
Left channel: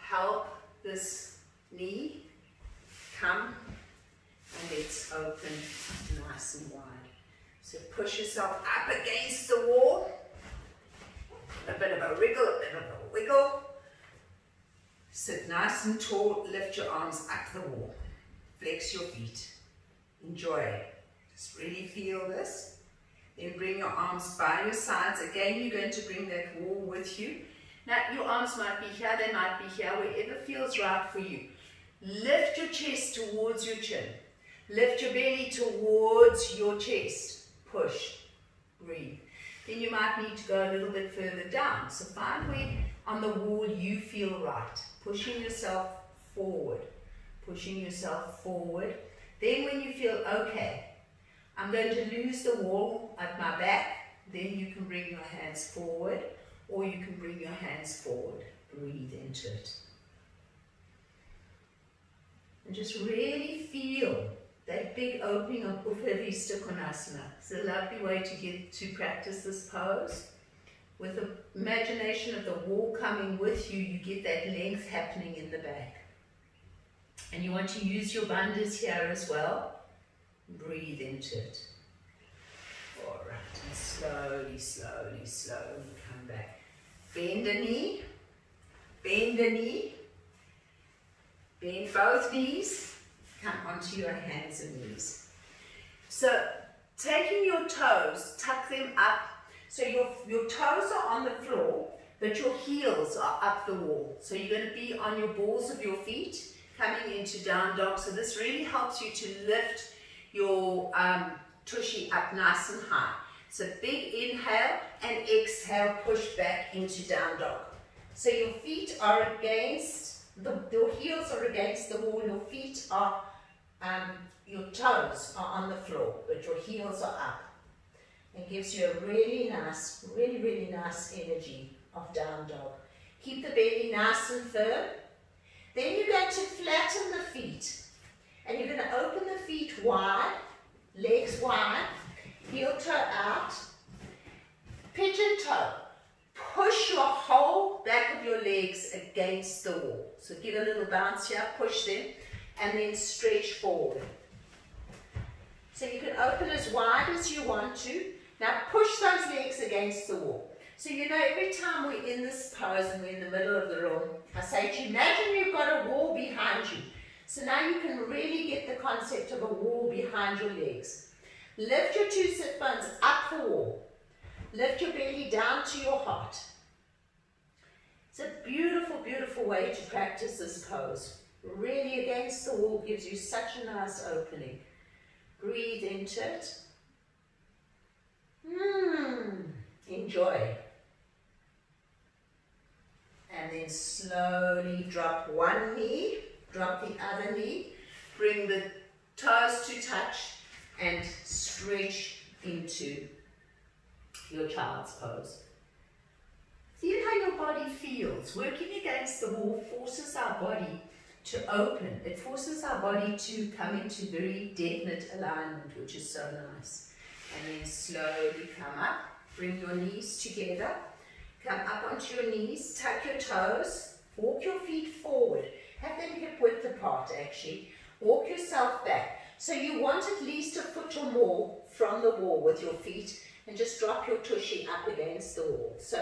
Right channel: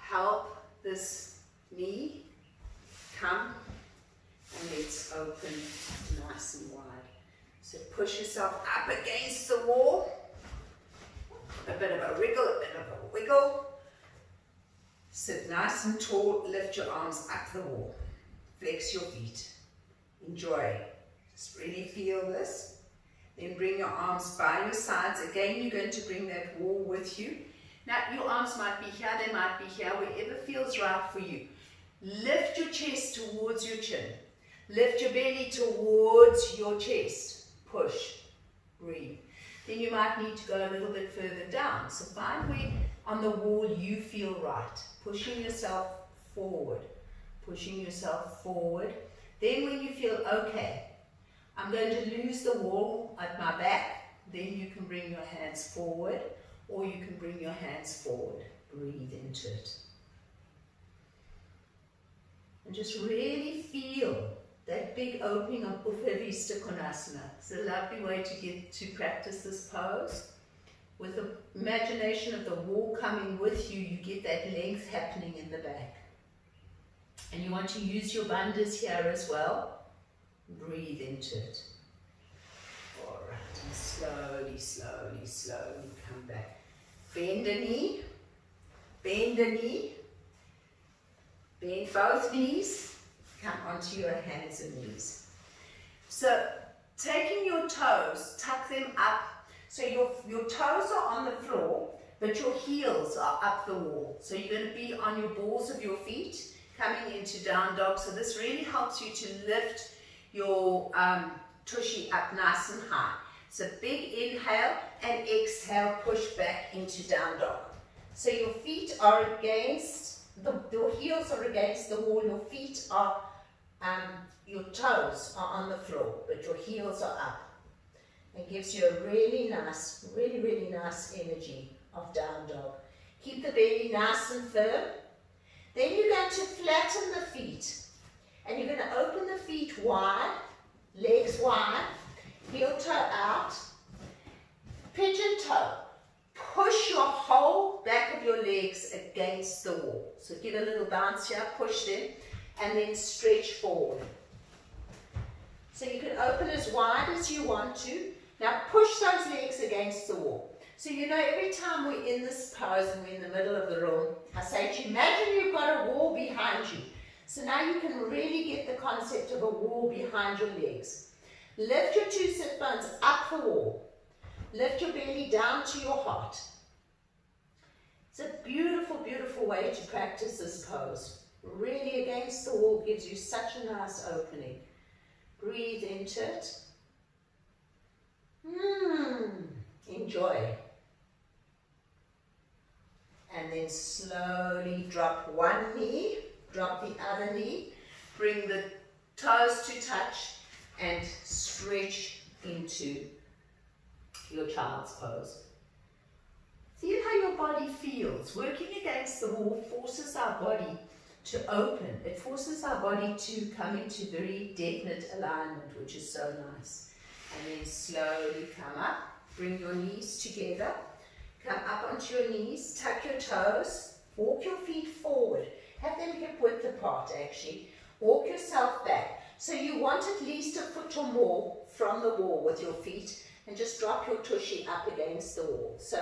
Help this knee come, and let's open nice and wide. So push yourself up against the wall. A bit of a wriggle, a bit of a wiggle. Sit nice and tall, lift your arms up the wall. Flex your feet. Enjoy. Just really feel this. Then bring your arms by your sides. Again, you're going to bring that wall with you. Now, your arms might be here, they might be here, wherever feels right for you. Lift your chest towards your chin. Lift your belly towards your chest. Push. Breathe. Then you might need to go a little bit further down. So find where on the wall you feel right. Pushing yourself forward. Pushing yourself forward. Then when you feel okay, I'm going to lose the wall at my back. Then you can bring your hands forward, or you can bring your hands forward. Breathe into it. And just really feel that big opening of Upavista Konasana. It's a lovely way to get to practice this pose. With the imagination of the wall coming with you, you get that length happening in the back. And you want to use your bandhas here as well. Breathe into it. All right, and slowly, slowly, slowly come back. Bend a knee, bend a knee, bend both knees, come onto your hands and knees. So taking your toes, tuck them up. So your toes are on the floor, but your heels are up the wall. So you're going to be on your balls of your feet, coming into down dog. So this really helps you to lift your tushy up nice and high. So big inhale and exhale, push back into down dog. So your feet are against, your heels are against the wall, your feet are, your toes are on the floor, but your heels are up. It gives you a really nice, really, really nice energy of down dog. Keep the belly nice and firm. Then you're going to flatten the feet. And you're going to open the feet wide, legs wide, heel toe out, pigeon toe. Push your whole back of your legs against the wall. So get a little bounce here, push them, and then stretch forward. So you can open as wide as you want to. Now push those legs against the wall. So you know, every time we're in this pose and we're in the middle of the room, I say to you, imagine you've got a wall behind you. So now you can really get the concept of a wall behind your legs. Lift your two sit bones up the wall. Lift your belly down to your heart. It's a beautiful, beautiful way to practice this pose. Really against the wall gives you such a nice opening. Breathe into it. Enjoy. And then slowly drop one knee, drop the other knee, bring the toes to touch and stretch into your child's pose. Feel how your body feels. Working against the wall forces our body to open. It forces our body to come into very definite alignment, which is so nice. And then slowly come up, bring your knees together, come up onto your knees, tuck your toes, walk your feet forward, have them hip width apart actually, walk yourself back. So you want at least a foot or more from the wall with your feet, and just drop your tushy up against the wall. So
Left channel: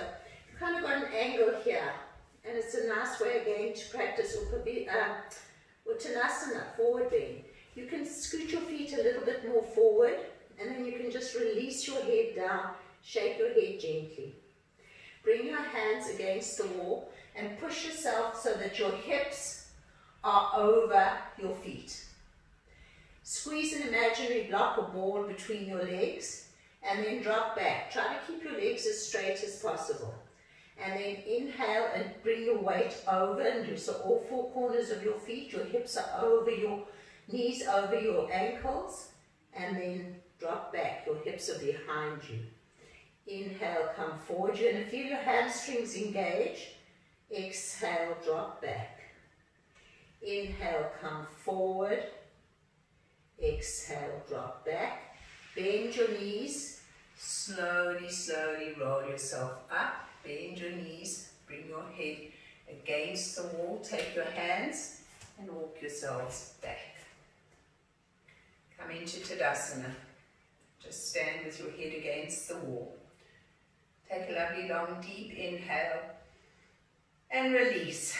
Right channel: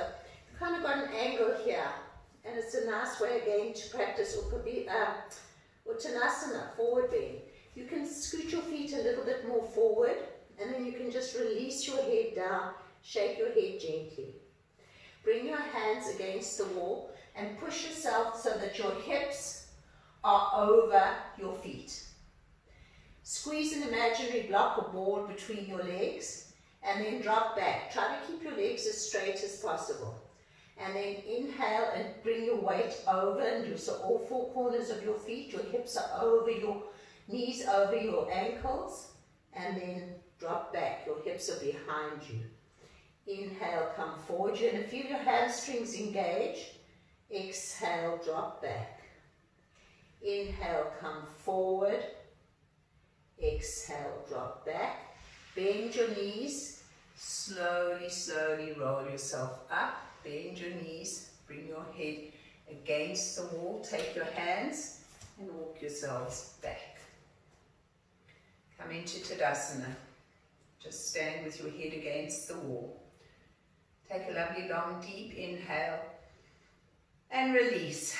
you've kind of got an angle here, and it's a nice way again to practice Uttanasana, forward bend. You can scoot your feet a little bit more forward, and then you can just release your head down, shake your head gently. Bring your hands against the wall and push yourself so that your hips are over your feet. Squeeze an imaginary block or board between your legs and then drop back. Try to keep your legs as straight as possible. And then inhale and bring your weight over, and so all four corners of your feet, your hips are over your knees, over your ankles, and then drop back. Your hips are behind you. Inhale, come forward. You're going to feel your hamstrings engage. Exhale, drop back. Inhale, come forward. Exhale, drop back. Bend your knees. Slowly, slowly roll yourself up. Bend your knees. Bring your head against the wall. Take your hands and walk yourselves back. Come into Tadasana. Just stand with your head against the wall. Take a lovely long deep inhale and release.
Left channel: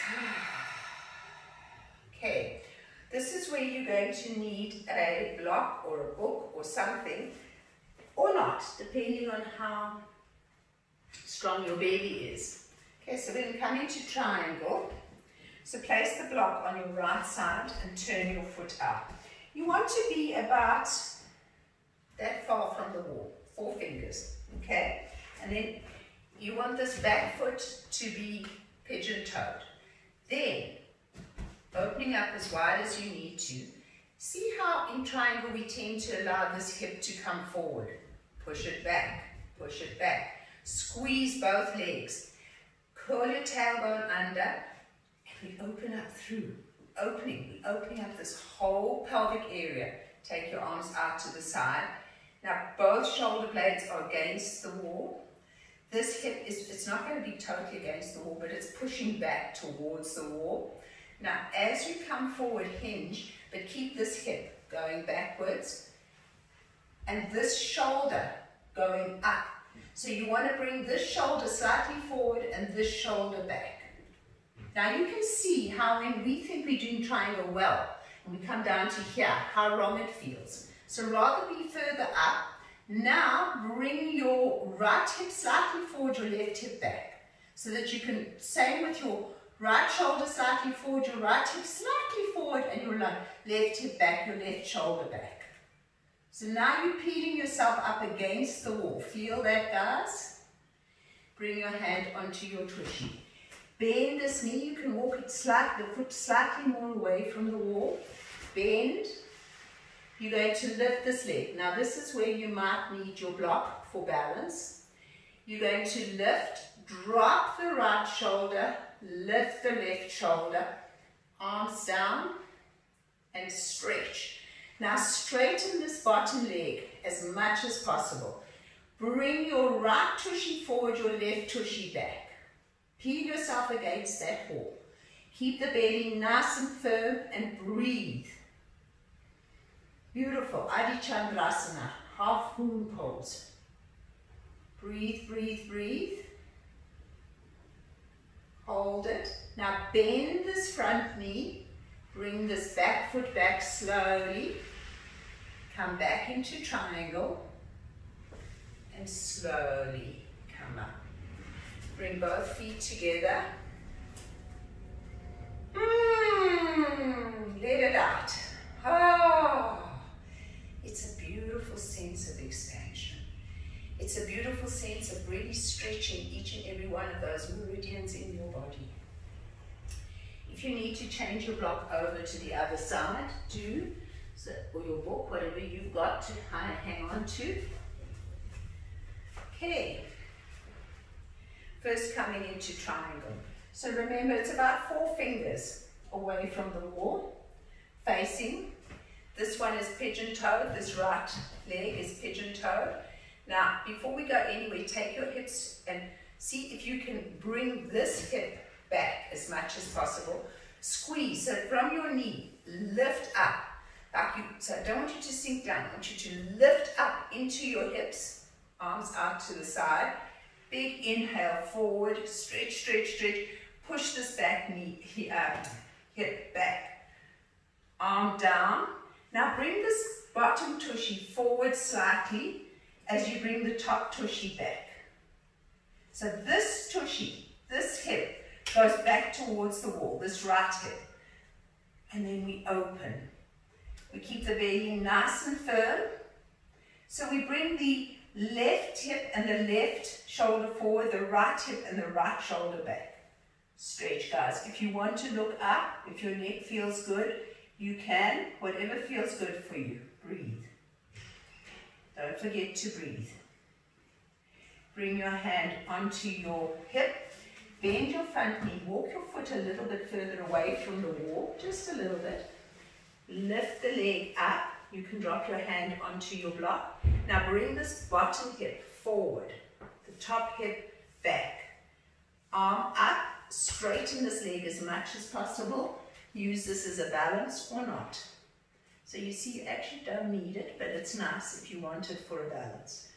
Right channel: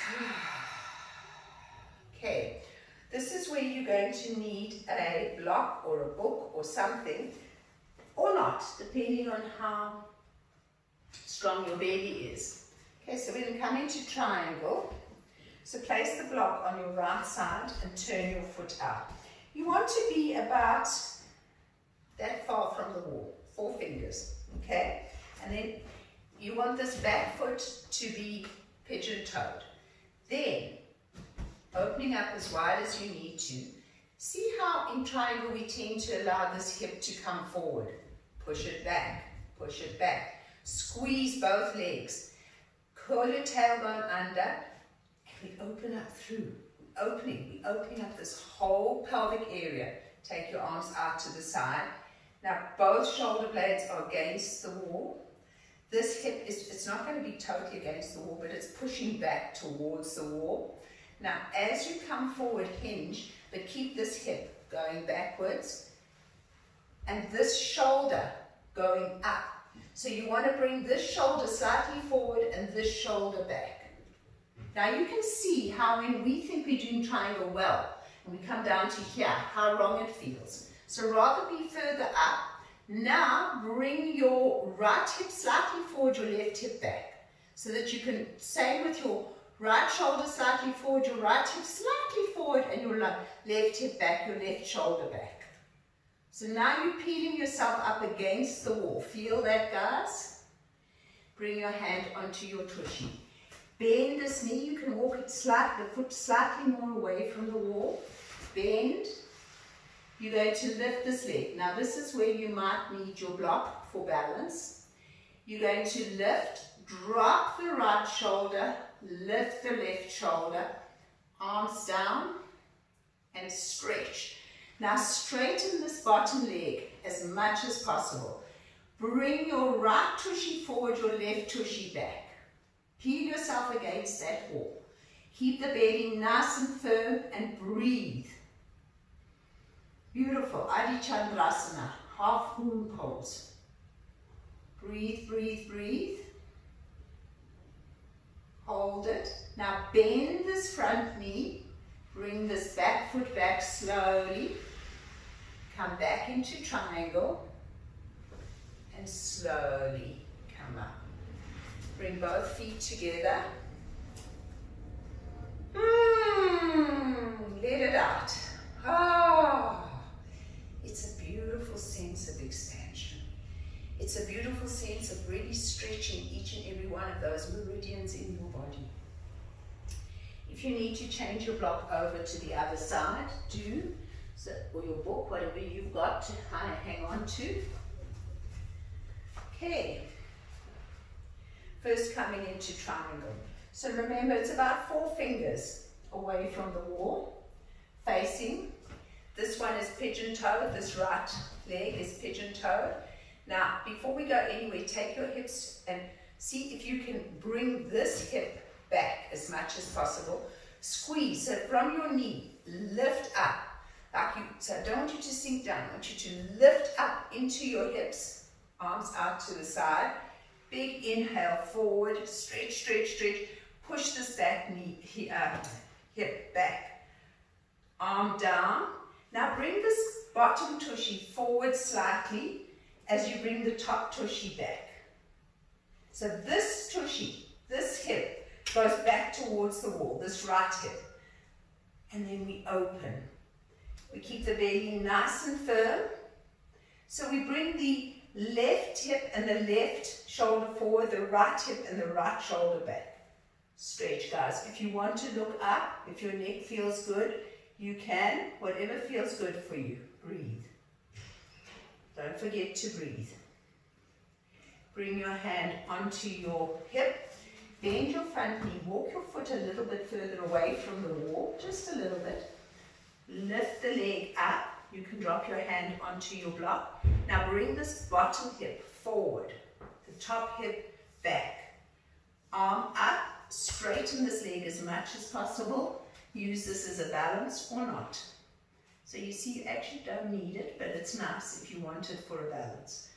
Okay, this is where you're going to need a block or a book or something, or not, depending on how strong your belly is. Okay, so we're going to come into triangle. So place the block on your right side and turn your foot out. You want to be about that far from the wall, 4 fingers, okay? And then you want this back foot to be pigeon-toed. Then, opening up as wide as you need to. See how in triangle we tend to allow this hip to come forward. Push it back, push it back. Squeeze both legs. Curl your tailbone under, and we open up through. Opening, we're opening up this whole pelvic area. Take your arms out to the side. Now both shoulder blades are against the wall. This hip is, it's not going to be totally against the wall, but it's pushing back towards the wall. Now as you come forward, hinge, but keep this hip going backwards and this shoulder going up. So you want to bring this shoulder slightly forward and this shoulder back. Now you can see how when we think we're doing triangle well, and we come down to here, how wrong it feels. So rather be further up. Now bring your right hip slightly forward, your left hip back. So that you can, same with your right shoulder slightly forward, your right hip slightly forward, and your left hip back, your left shoulder back. So now you're peeling yourself up against the wall. Feel that, guys? Bring your hand onto your tushy. Bend this knee. You can walk it slightly, the foot slightly more away from the wall. Bend. You're going to lift this leg. Now this is where you might need your block for balance. You're going to lift, drop the right shoulder, lift the left shoulder, arms down, and stretch. Now straighten this bottom leg as much as possible. Bring your right tushy forward, your left tushy back. Peel yourself against that wall. Keep the belly nice and firm and breathe. Beautiful. Adi Chandrasana, half moon pose. Breathe, breathe, breathe. Hold it. Now bend this front knee. Bring this back foot back slowly. Come back into triangle. And slowly come up. Bring both feet together. Let it out. Oh, it's a beautiful sense of expansion. It's a beautiful sense of really stretching each and every one of those meridians in your body. If you need to change your block over to the other side, do, so, or your book, whatever you've got to hang on to. Okay. First coming into triangle. So remember, it's about 4 fingers away from the wall, facing. This one is pigeon-toed, this right leg is pigeon-toed. Now, before we go anywhere, take your hips and see if you can bring this hip back as much as possible. Squeeze, so from your knee, lift up. So I don't want you to sink down, I want you to lift up into your hips, arms out to the side. Big inhale, forward, stretch, stretch, stretch. Push this back knee, hip back. Arm down. Now bring this bottom tushy forward slightly as you bring the top tushy back. So this tushy, this hip, goes back towards the wall, this right hip. and then we open. We keep the belly nice and firm. So we bring the left hip and the left shoulder forward, the right hip and the right shoulder back. Stretch, guys. If you want to look up, if your neck feels good, you can. Whatever feels good for you. Breathe. Don't forget to breathe. Bring your hand onto your hip. Bend your front knee. Walk your foot a little bit further away from the wall. Just a little bit. Lift the leg up. You can drop your hand onto your block. Now bring this bottom hip forward. The top hip back. Arm up. Straighten this leg as much as possible. Use this as a balance or not. So you see, you actually don't need it, but it's nice if you want it for a balance.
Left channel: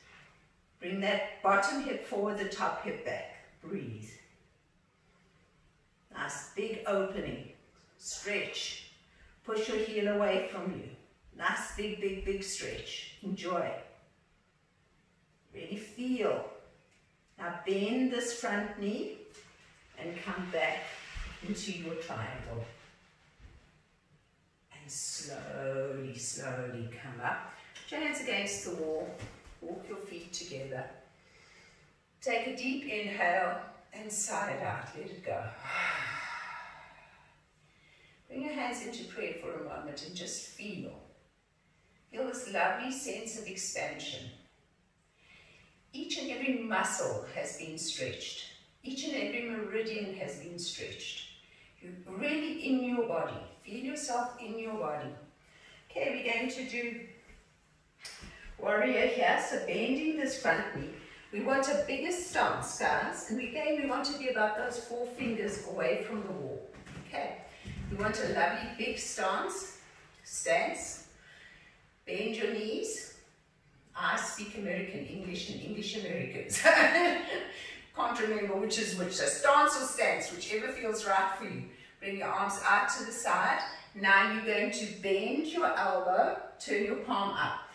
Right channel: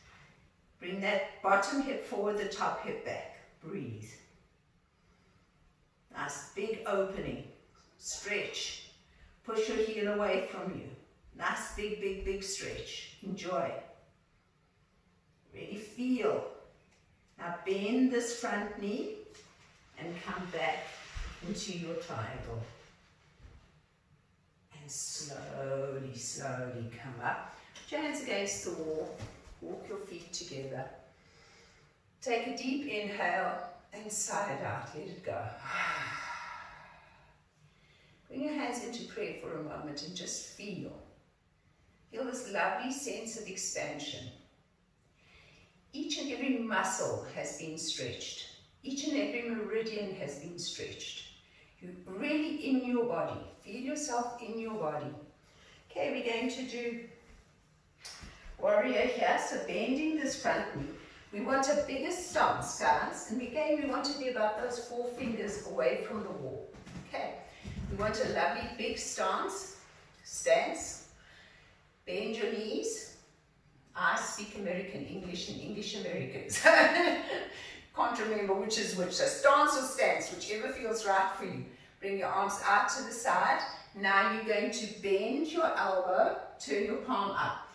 Bring that bottom hip forward, the top hip back. Breathe. Nice big opening. Stretch. Push your heel away from you. Nice big, big, big stretch. Enjoy. Really feel. Now bend this front knee and come back into your triangle. And slowly, slowly come up. Put your hands against the wall. Walk your feet together. Take a deep inhale and sigh it out. Let it go. Bring your hands into prayer for a moment and just feel. Feel this lovely sense of expansion. Each and every muscle has been stretched. Each and every meridian has been stretched. You're really in your body. Feel yourself in your body. Okay, we're going to do warrior here. So bending this front knee. We want a bigger stance, guys. And again, we want to be about those 4 fingers away from the wall. Okay. We want a lovely big stance. Bend your knees. I speak American English and English Americans. Can't remember which is which. So stance or stance, whichever feels right for you. Bring your arms out to the side. Now you're going to bend your elbow, turn your palm up.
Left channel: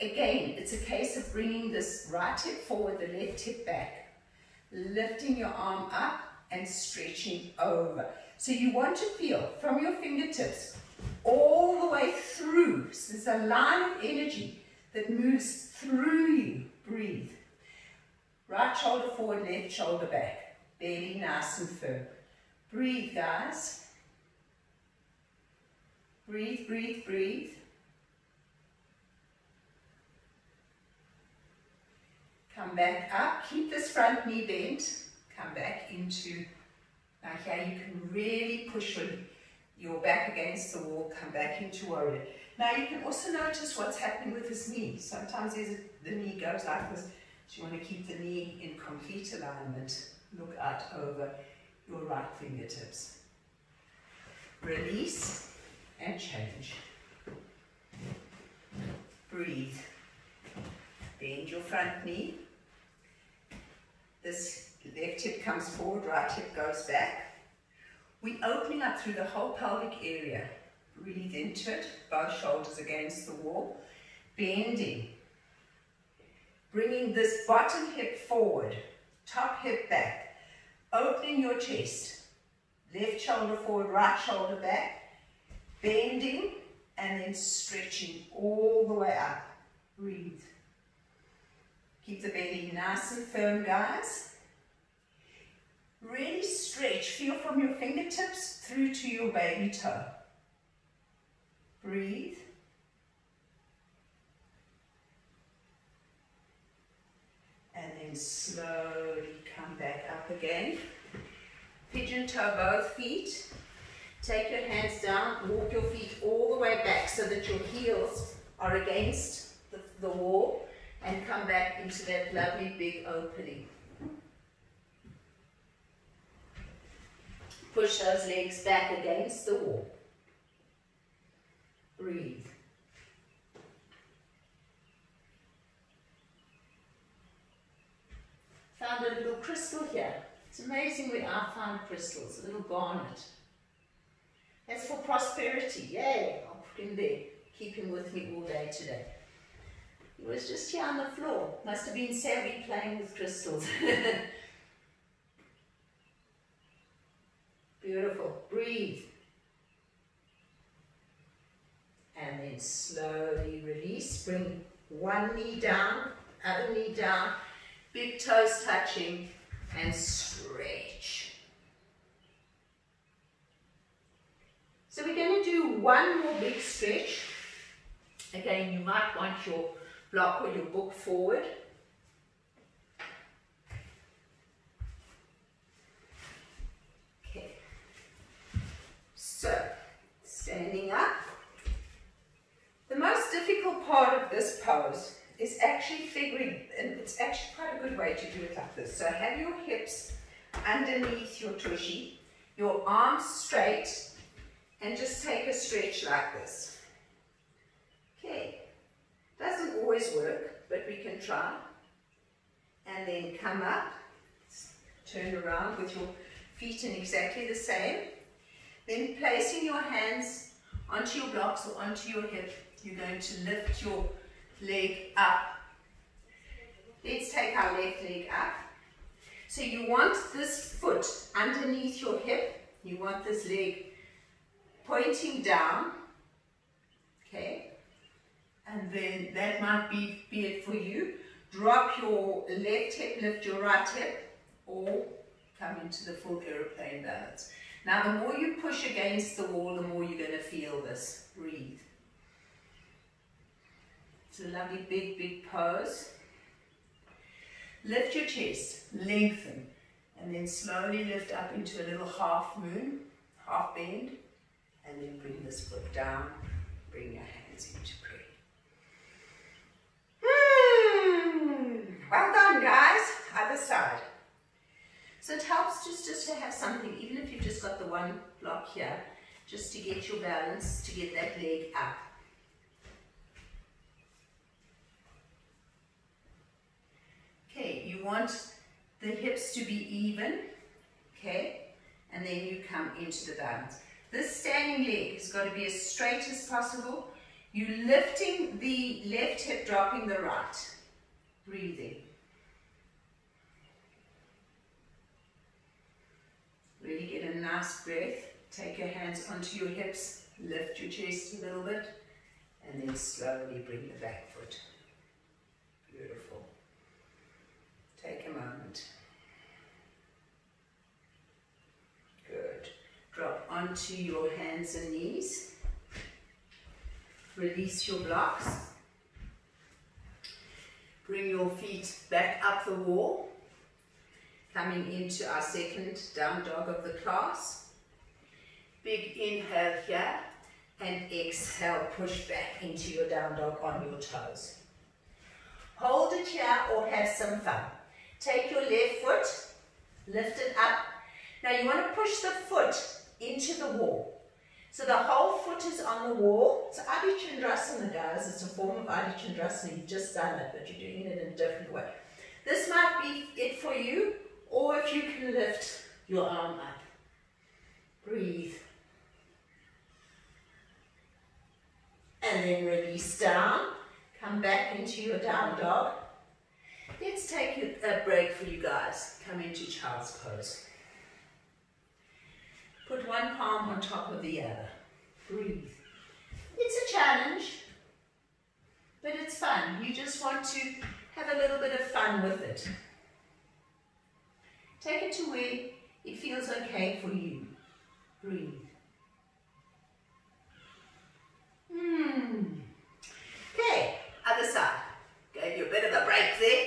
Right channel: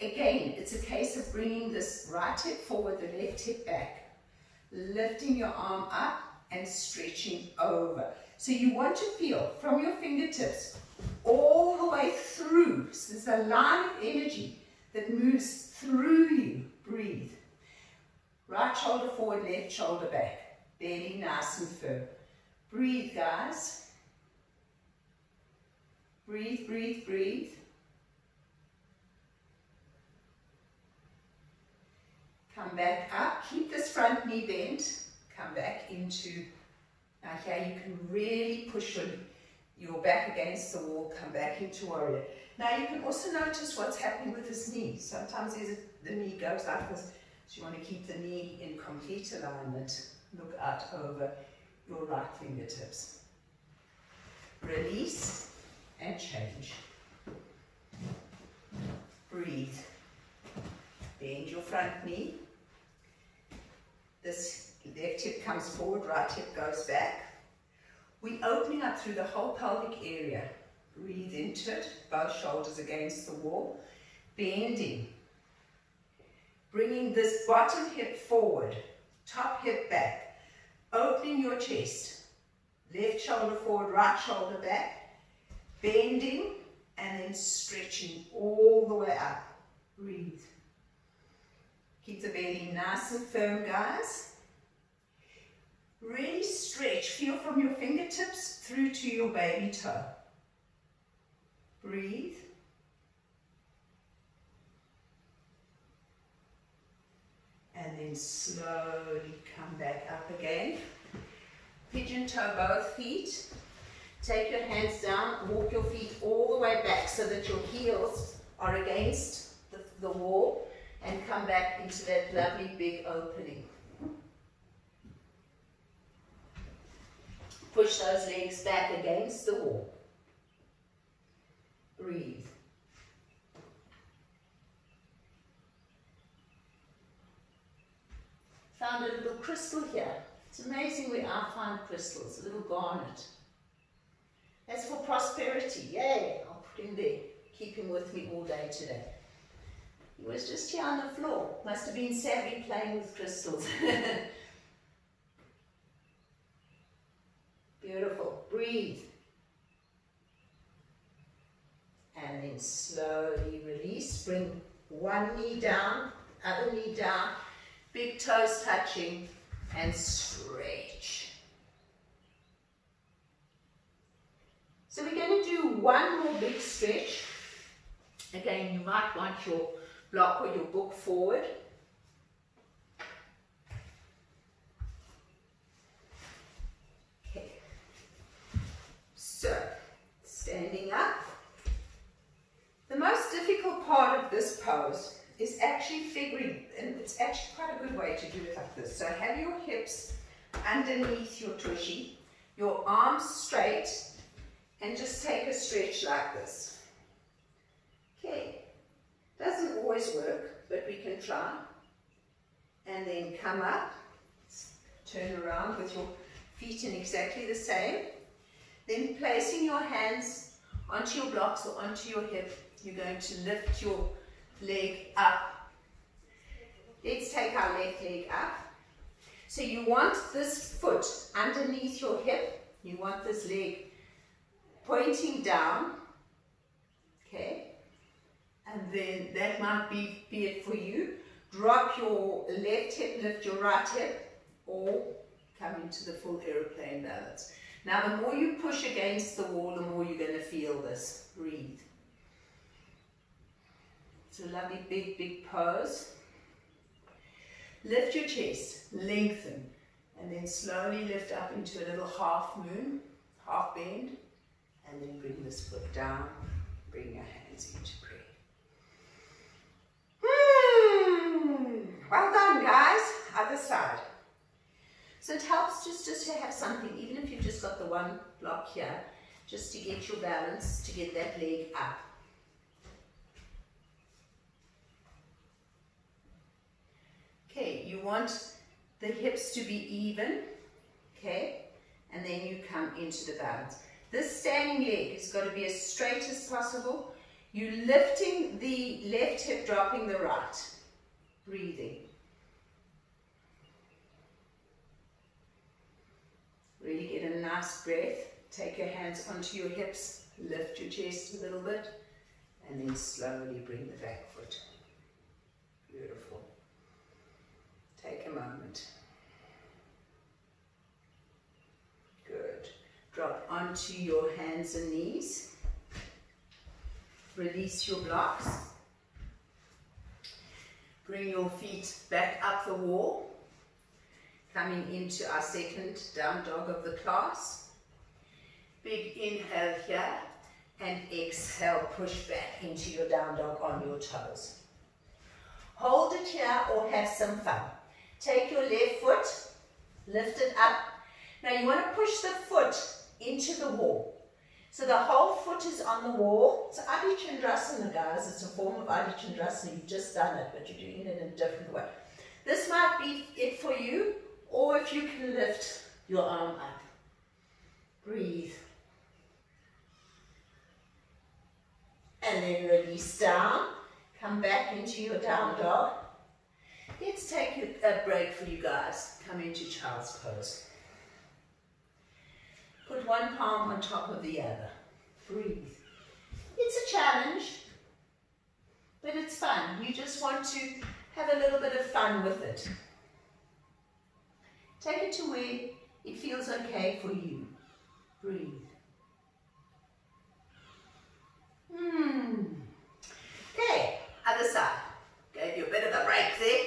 Again, it's a case of bringing this right hip forward, the left hip back. Lifting your arm up and stretching over. So you want to feel from your fingertips all the way through. So there's a line of energy that moves through you. Breathe. Right shoulder forward, left shoulder back. Belly nice and firm. Breathe, guys. Breathe, breathe, breathe. Come back up. Keep this front knee bent. Come back into, now here you can really push your back against the wall. Come back into warrior. Now you can also notice what's happening with this knee. Sometimes the knee goes like this. So you want to keep the knee in complete alignment. Look out over your right fingertips. Release and change. Breathe. Bend your front knee. This left hip comes forward, right hip goes back. We're opening up through the whole pelvic area. Breathe into it, both shoulders against the wall. Bending. Bringing this bottom hip forward, top hip back. Opening your chest. Left shoulder forward, right shoulder back. Bending and then stretching all the way up. Breathe. Keep the belly nice and firm, guys. Really stretch. Feel from your fingertips through to your baby toe. Breathe. And then slowly come back up again. Pigeon toe both feet. Take your hands down, walk your feet all the way back so that your heels are against the wall, and come back into that lovely big opening. Push those legs back against the wall. Breathe. Found a little crystal here. It's amazing where I find crystals, a little garnet. That's for prosperity. Yay! I'll put him there. Keep him with me all day today. He was just here on the floor. Must have been savvy playing with crystals. Beautiful. Breathe. and then slowly release. Bring one knee down, other knee down, big toes touching, and stretch. So we're going to do one more big stretch. Again, you might want your block or your book forward. Okay. So, standing up. The most difficult part of this pose is actually figuring, and it's actually quite a good way to do it like this. So have your hips underneath your tushy, your arms straight, and just take a stretch like this. Okay, doesn't always work, but we can try. And then come up, turn around with your feet in exactly the same. Then placing your hands onto your blocks or onto your hip, you're going to lift your leg up. Let's take our left leg up. So you want this foot underneath your hip. You want this leg pointing down. Okay. And then that might be it for you. Drop your left hip, lift your right hip, or come into the full aeroplane balance. Now the more you push against the wall, the more you're going to feel this. Breathe. It's a lovely big pose. Lift your chest, lengthen, and then slowly lift up into a little half moon, half bend, and then bring this foot down, bring your hands into prayer. Well done, guys. Other side. So it helps just to have something, even if you've just got the one block here, just to get your balance, to get that leg up. Okay, you want the hips to be even, okay, and then you come into the balance. This standing leg has got to be as straight as possible. You're lifting the left hip, dropping the right. Breathing. Really get a nice breath. Take your hands onto your hips, lift your chest a little bit, and then slowly bring the back foot. Beautiful. Take a moment. Good. Drop onto your hands and knees. Release your blocks. Bring your feet back up the wall. Coming into our second down dog of the class. Big inhale here and exhale, push back into your down dog on your toes. Hold it here or have some fun. Take your left foot, lift it up. Now you want to push the foot into the wall. So the whole foot is on the wall. It's Chandrasana, guys. It's a form of Chandrasana. You've just done it, but you're doing it in a different way. This might be it for you, or if you can lift your arm up. Breathe. And then release down. Come back into your down dog. Let's take a break for you guys. Come into child's pose. Put one palm on top of the other. Breathe. It's a challenge, but it's fun. You just want to have a little bit of fun with it. Take it to where it feels okay for you. Breathe. Okay, other side. Gave you a bit of a break there.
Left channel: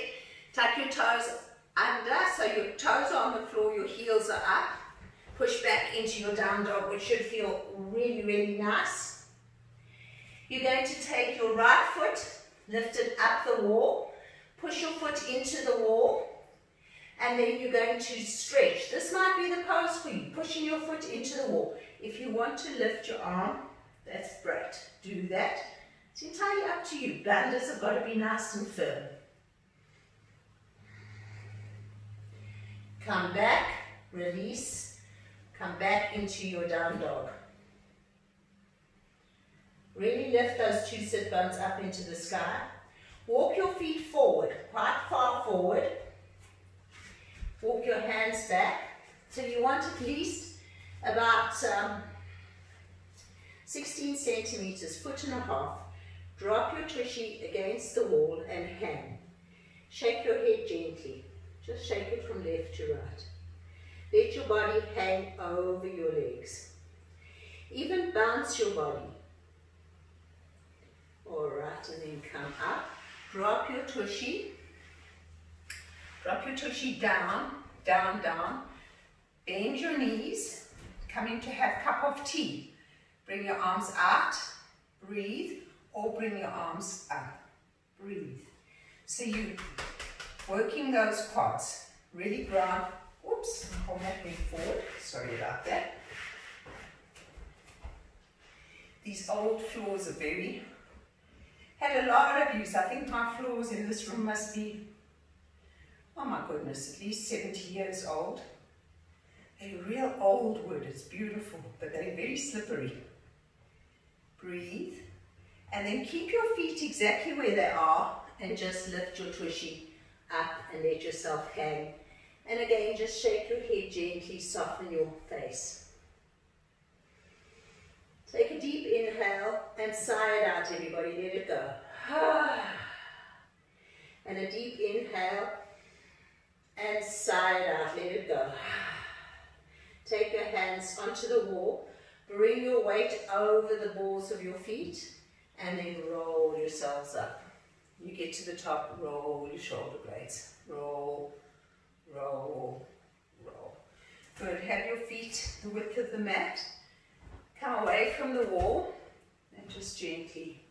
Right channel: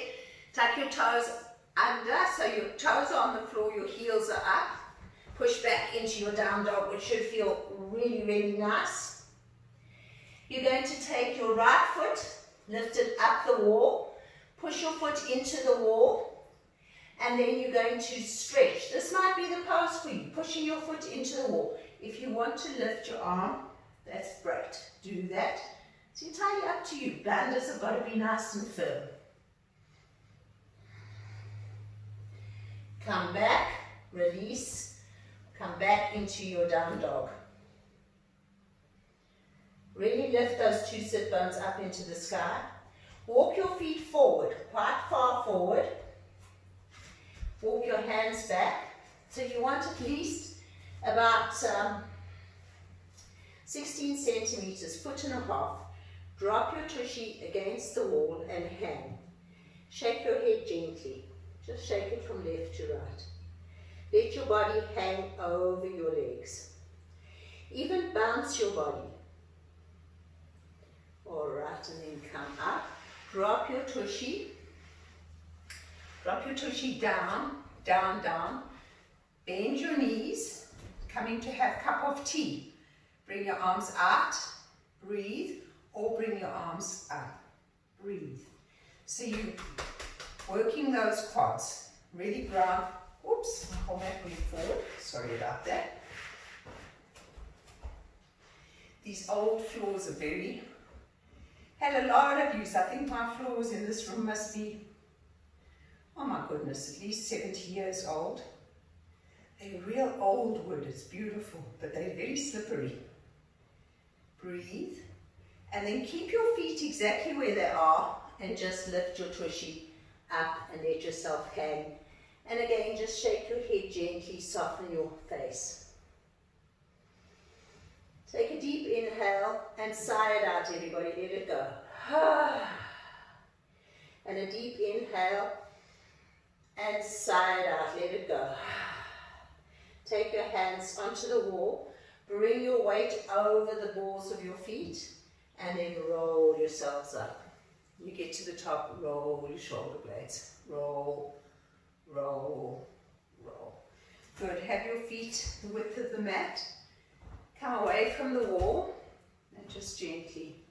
Tuck your toes under, so your toes are on the floor, your heels are up. Push back into your down dog, which should feel really, really nice. You're going to take your right foot, lift it up the wall, push your foot into the wall, and then you're going to stretch. This might be the pose for you, pushing your foot into the wall. If you want to lift your arm, that's great. Do that. It's entirely up to you. Banders have got to be nice and firm. Come back, release. Come back into your down dog. Really lift those two sit bones up into the sky. Walk your feet forward, quite far forward. Walk your hands back. So you want at least about 16 centimeters, foot and a half. Drop your tushy against the wall and hang. Shake your head gently. Just shake it from left to right. Let your body hang over your legs. Even bounce your body. Alright, and then come up. Drop your tushy. Drop your tushy down, down, down. Bend your knees. Coming to have cup of tea. Bring your arms out. Breathe. Or bring your arms up. Breathe. So you working those quads. Really ground. Oops, hold that way forward. Sorry about that. These old floors are had a lot of use. I think my floors in this room must be, oh my goodness, at least 70 years old. They're real old wood. It's beautiful, but they're very slippery. Breathe. And then keep your feet exactly where they are and just lift your tushy up and let yourself hang. And again, just shake your head gently, soften your face. Take a deep inhale and sigh it out, everybody. Let it go. And a deep inhale and sigh it out. Let it go. Take your hands onto the wall. Bring your weight over the balls of your feet. And then roll yourselves up. You get to the top, roll your shoulder blades. Roll, roll, roll. Good. Have your feet the width of the mat. Come away from the wall and just gently.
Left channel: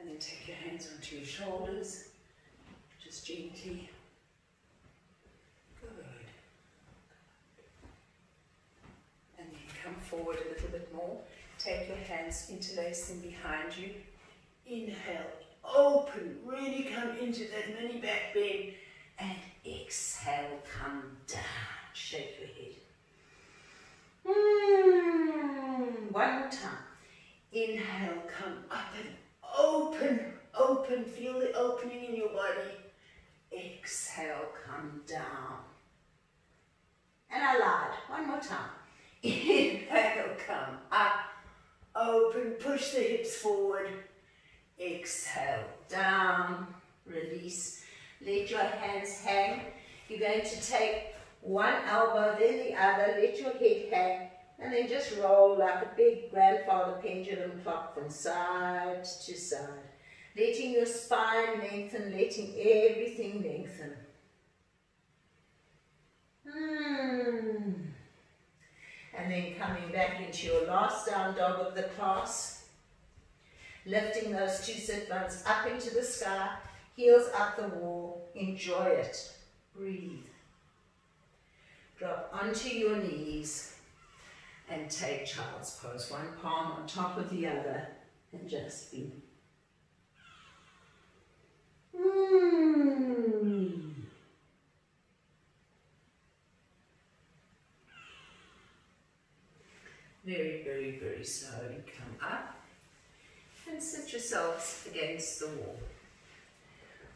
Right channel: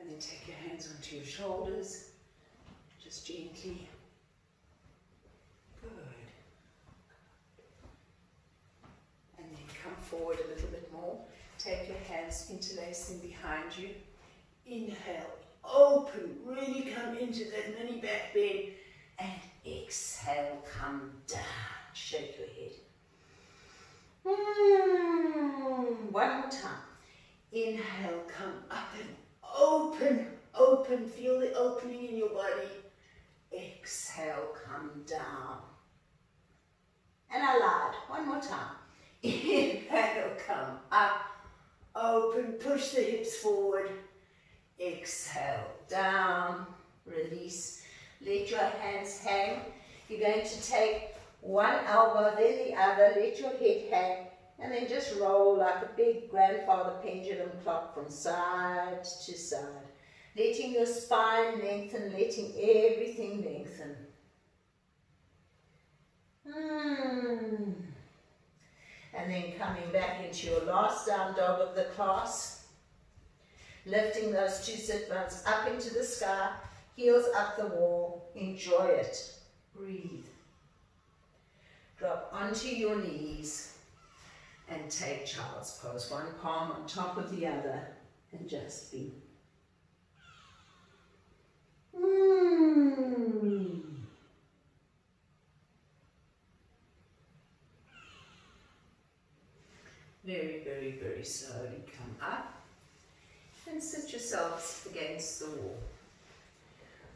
And then take your hands onto your shoulders. Just gently. Good. And then come forward a little bit more. Take your hands, interlace them behind you. Inhale, open, really come into that mini back bend. And exhale, come down. Shake your head. One more time. Inhale, come up and open, open. Feel the opening in your body. Exhale, come down. And I lied. One more time. Inhale, come up, open, push the hips forward. Exhale, down, release. Let your hands hang. You're going to take one elbow, then the other. Let your head hang. And then just roll like a big grandfather pendulum clock from side to side. Letting your spine lengthen, letting everything lengthen. And then coming back into your last down dog of the class. Lifting those two sit bones up into the sky. Heels up the wall. Enjoy it. Breathe. Drop onto your knees and take child's pose. One palm on top of the other and just be. Very, very, very slowly come up and sit yourselves against the wall.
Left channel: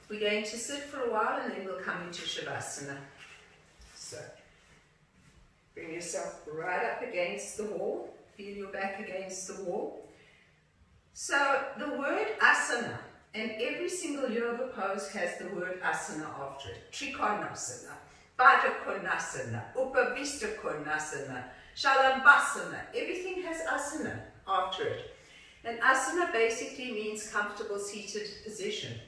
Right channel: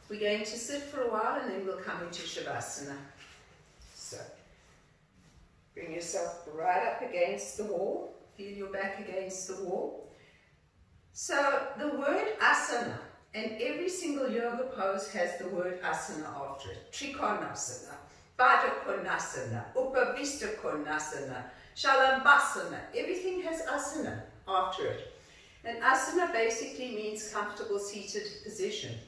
We're going to sit for a while and then we'll come into Shavasana. So, bring yourself right up against the wall. Feel your back against the wall. So, the word asana, and every single yoga pose has the word asana after it. Trikonasana, Bharapanasana, Upavishtakonasana, Shalabhasana. Everything has asana after it. And asana basically means comfortable seated position.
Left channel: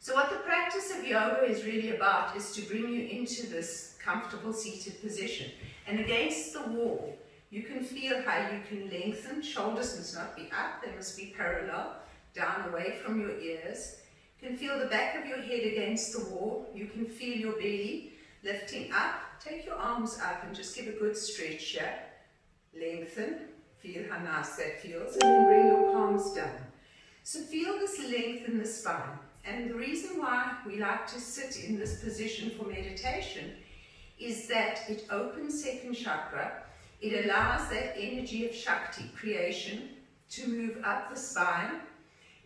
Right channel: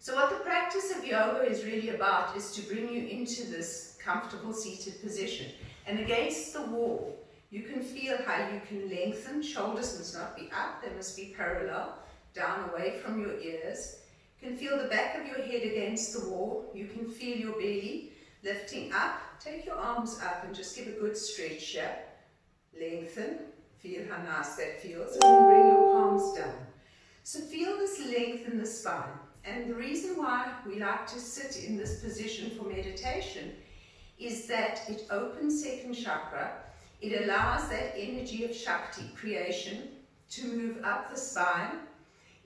So what the practice of yoga is really about is to bring you into this comfortable seated position. And against the wall, you can feel how you can lengthen. Shoulders must not be up, they must be parallel, down away from your ears. You can feel the back of your head against the wall. You can feel your belly lifting up. Take your arms up and just give a good stretch here. Lengthen. Feel how nice that feels. And then bring your palms down. So feel this length in the spine. And the reason why we like to sit in this position for meditation is that it opens second chakra. It allows that energy of Shakti, creation, to move up the spine.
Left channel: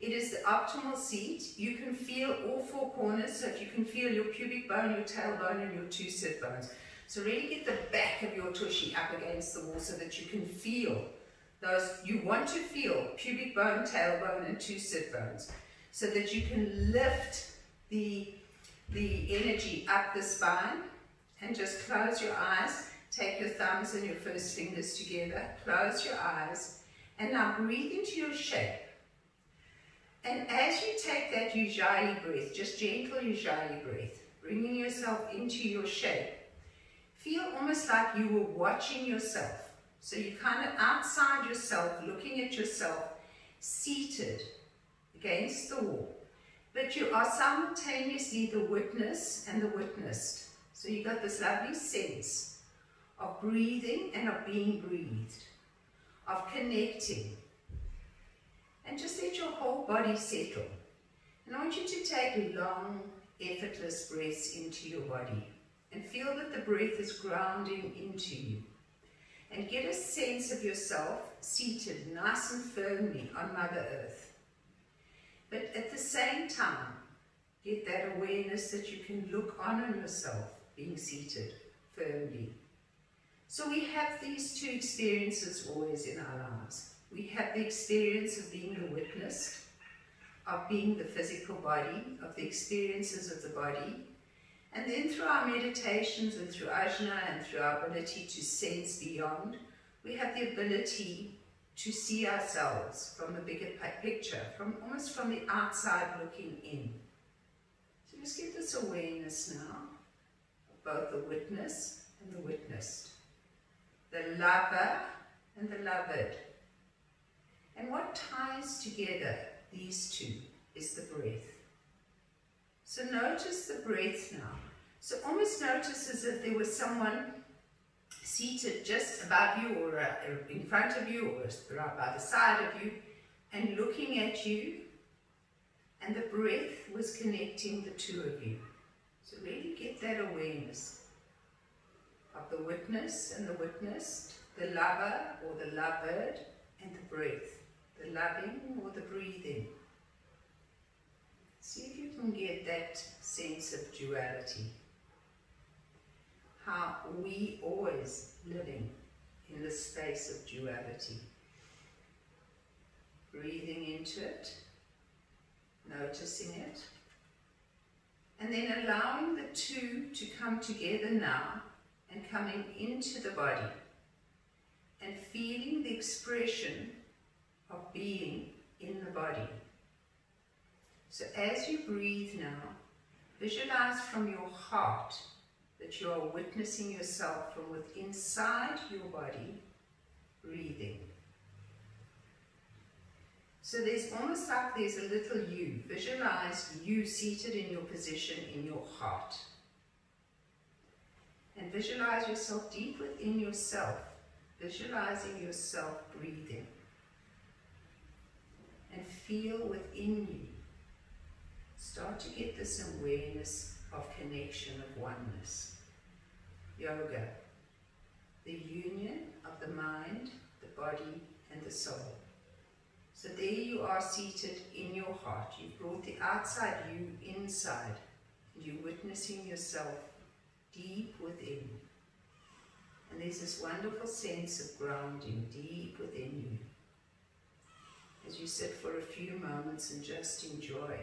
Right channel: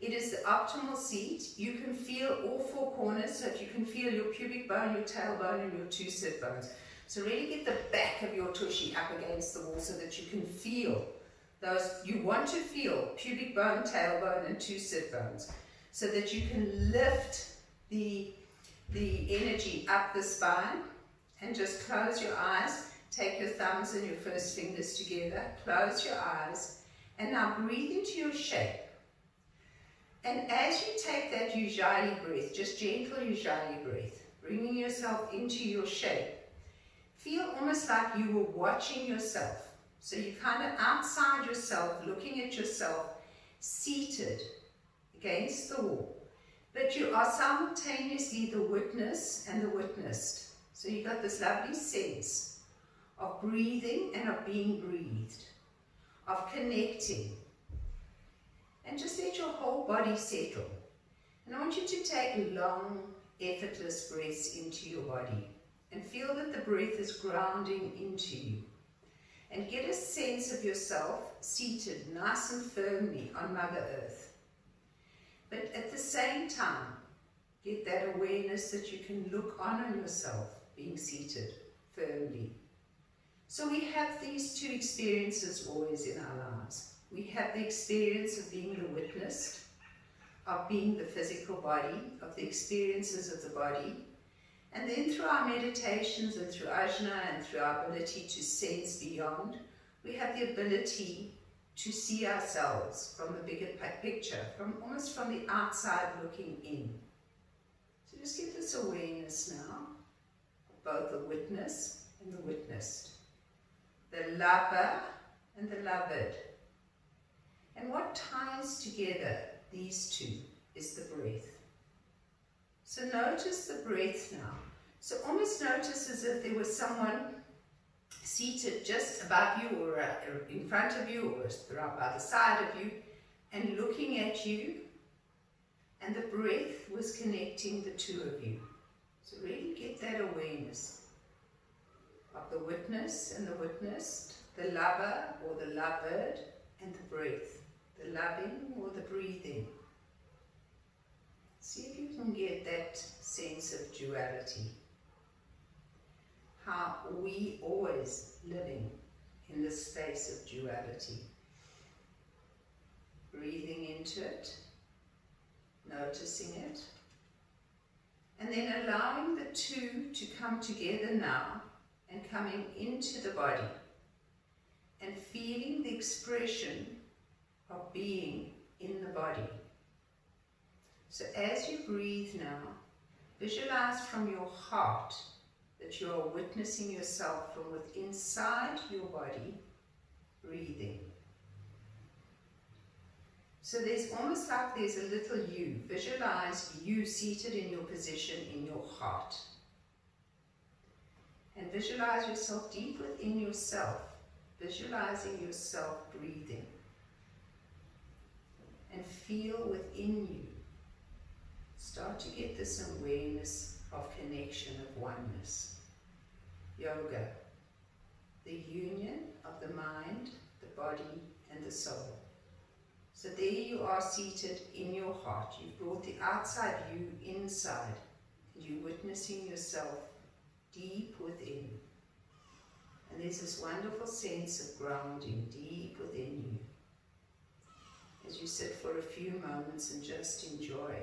It is the optimal seat. You can feel all four corners. So if you can feel your pubic bone, your tailbone, and your two sit bones. So really get the back of your tushy up against the wall so that you can feel those. You want to feel pubic bone, tailbone, and 2 sit bones so that you can lift the energy up the spine. And just close your eyes. Take your thumbs and your first fingers together. Close your eyes. And now breathe into your shape. And as you take that Ujjayi breath, just gentle Ujjayi breath, bringing yourself into your shape, feel almost like you were watching yourself. So you're kind of outside yourself, looking at yourself, seated against the wall. But you are simultaneously the witness and the witnessed. So you got this lovely sense of breathing and of being breathed, of connecting. And just let your whole body settle. And I want you to take long, effortless breaths into your body and feel that the breath is grounding into you. And get a sense of yourself seated nice and firmly on Mother Earth. But at the same time, get that awareness that you can look on yourself being seated firmly. So we have these 2 experiences always in our lives. We have the experience of being the witness, of being the physical body, of the experiences of the body. And then through our meditations and through ajna and through our ability to sense beyond, we have the ability to see ourselves from the bigger picture, almost from the outside looking in. So just get this awareness now of both the witness and the witnessed, the lover and the loved. And what ties together these 2 is the breath. So notice the breath now. So almost notice as if there was someone seated just above you or in front of you or right by the side of you and looking at you, and the breath was connecting the 2 of you. So really get that awareness of the witness and the witnessed, the lover or the loved, and the breath, the loving or the breathing. See if you can get that sense of duality. How we always living in this space of duality. Breathing into it, noticing it, and then allowing the 2 to come together now and coming into the body and feeling the expression of being in the body. So as you breathe now, visualize from your heart that you are witnessing yourself from within inside your body, breathing. So there's almost like there's a little you. Visualize you seated in your position in your heart. And visualize yourself deep within yourself, visualizing yourself breathing. And feel within you. Start to get this awareness of connection, of oneness. Yoga, the union of the mind, the body, and the soul. So there you are seated in your heart. You've brought the outside you inside, and you're witnessing yourself deep within. And there's this wonderful sense of grounding deep within you as you sit for a few moments and just enjoy.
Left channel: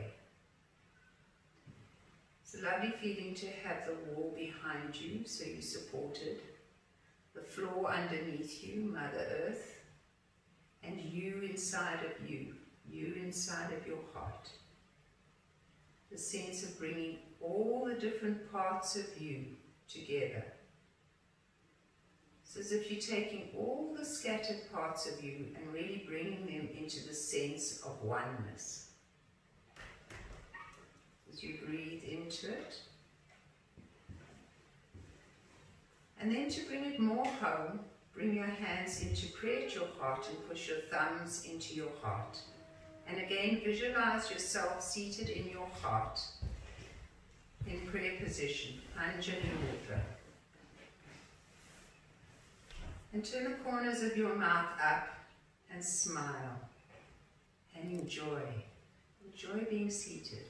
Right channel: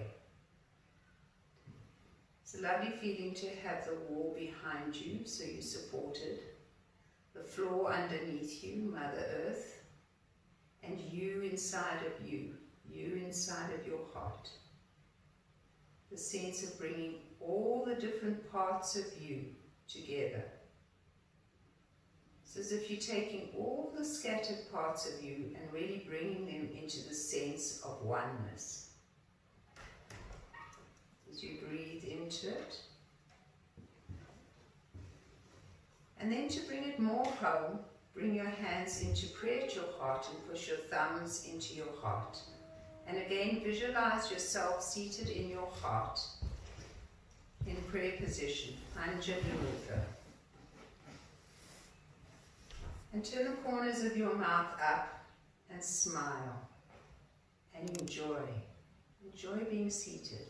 It's a lovely feeling to have the wall behind you, so you're supported, the floor underneath you, Mother Earth, and you inside of you inside of your heart. The sense of bringing all the different parts of you together. It's as if you're taking all the scattered parts of you and really bringing them into the sense of oneness. As you breathe into it. And then to bring it more home, bring your hands in to create your heart and push your thumbs into your heart. And again, visualize yourself seated in your heart in prayer position, Anjali Mudra. And turn the corners of your mouth up and smile and enjoy. Enjoy being seated.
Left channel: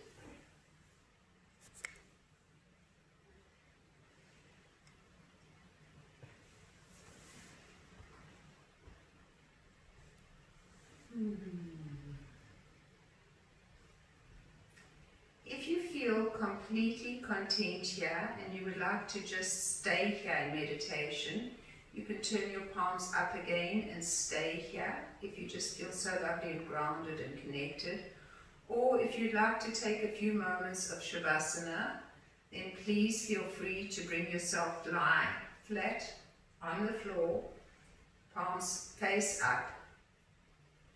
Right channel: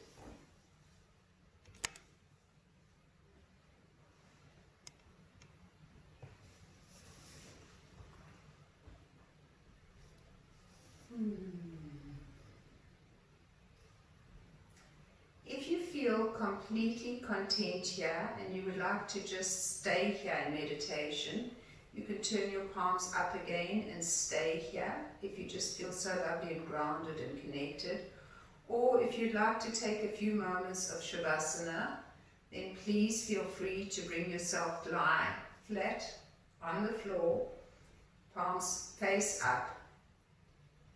completely content here and you would like to just stay here in meditation, you can turn your palms up again and stay here if you just feel so lovely and grounded and connected. Or if you'd like to take a few moments of Shavasana, then please feel free to bring yourself lie flat on the floor, palms face up,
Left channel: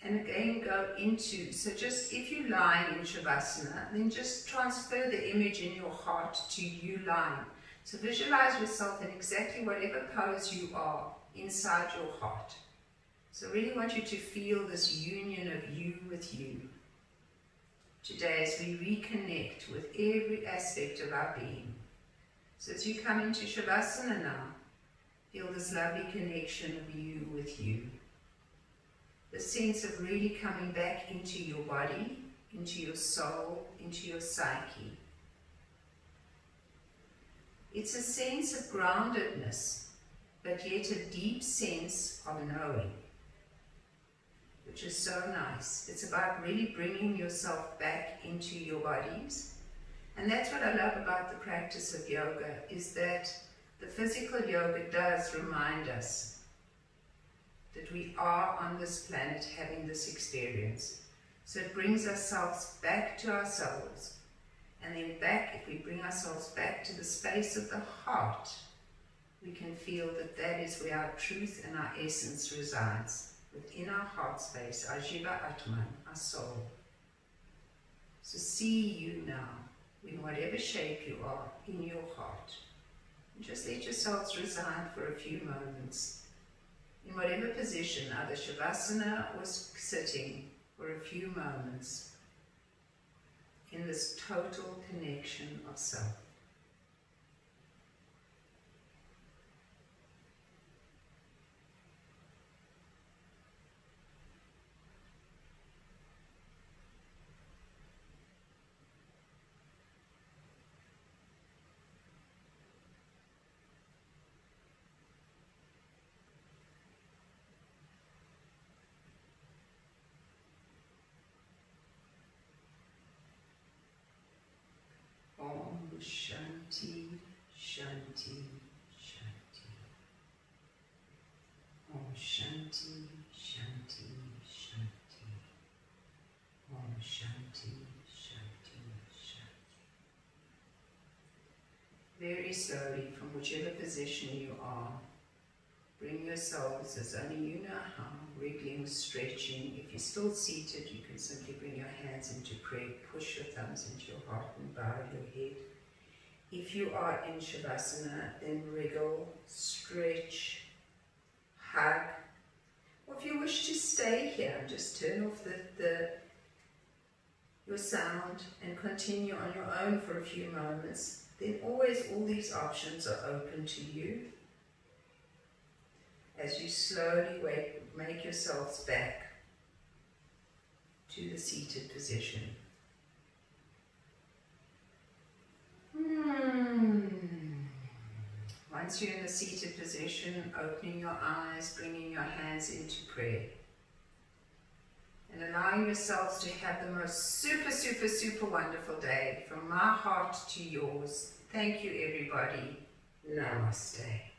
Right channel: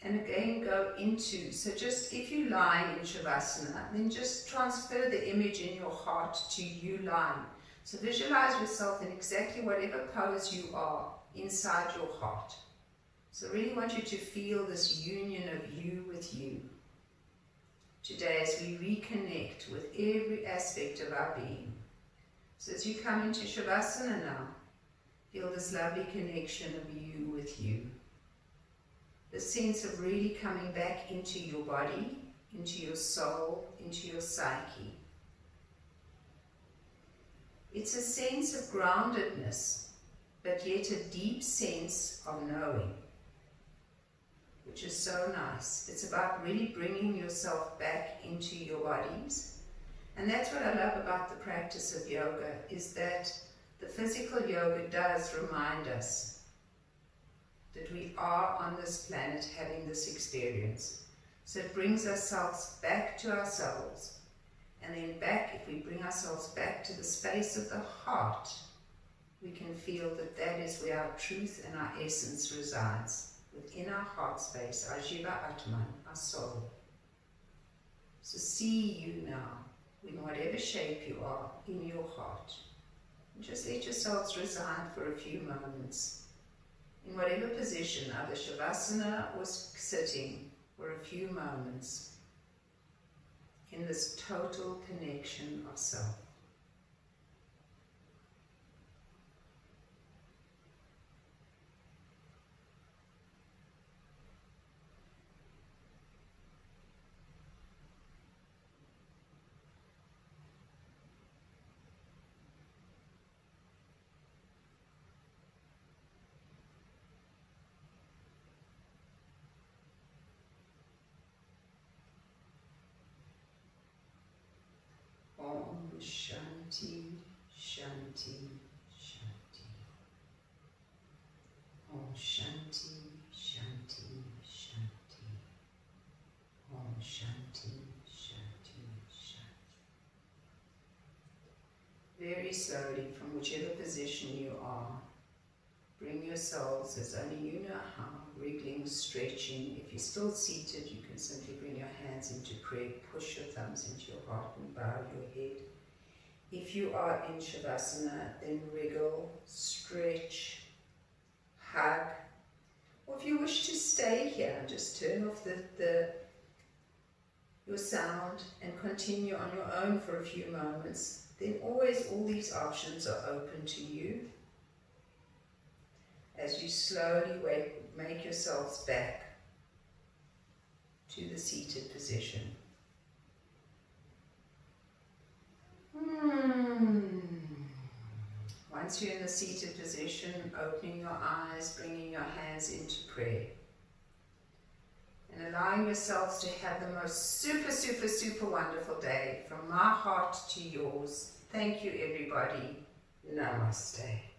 and again go into, so just if you lie in Shavasana, then just transfer the image in your heart to you lying. So visualize yourself in exactly whatever pose you are inside your heart. So I really want you to feel this union of you with you. Today as we reconnect with every aspect of our being. So as you come into Shavasana now, feel this lovely connection of you with you. The sense of really coming back into your body, into your soul, into your psyche. It's a sense of groundedness, but yet a deep sense of knowing, which is so nice. It's about really bringing yourself back into your bodies. And that's what I love about the practice of yoga, is that the physical yoga does remind us that we are on this planet having this experience. So it brings ourselves back to ourselves. And then back, if we bring ourselves back to the space of the heart, we can feel that that is where our truth and our essence resides, within our heart space, our Jiva Atman, our soul. So see you now, in whatever shape you are, in your heart. And just let yourselves reside for a few moments, in whatever position, either Shavasana or sitting, for a few moments, in this total connection of self. Om Shanti, Shanti, Shanti. Om Shanti, Shanti, Shanti. Om Shanti, Shanti, Shanti. Very slowly, from whichever position you are, bring yourselves, as only you know how, wriggling, stretching. If you're still seated, you can simply bring your hands into prayer, push your thumbs into your heart and bow your head. If you are in Shavasana, then wriggle, stretch, hug. Or if you wish to stay here, just turn off your sound and continue on your own for a few moments. Then always all these options are open to you. As you slowly make yourselves back to the seated position. Once you're in the seated position, opening your eyes, bringing your hands into prayer. And allowing yourselves to have the most super, super, super wonderful day. From my heart to yours. Thank you, everybody. Namaste.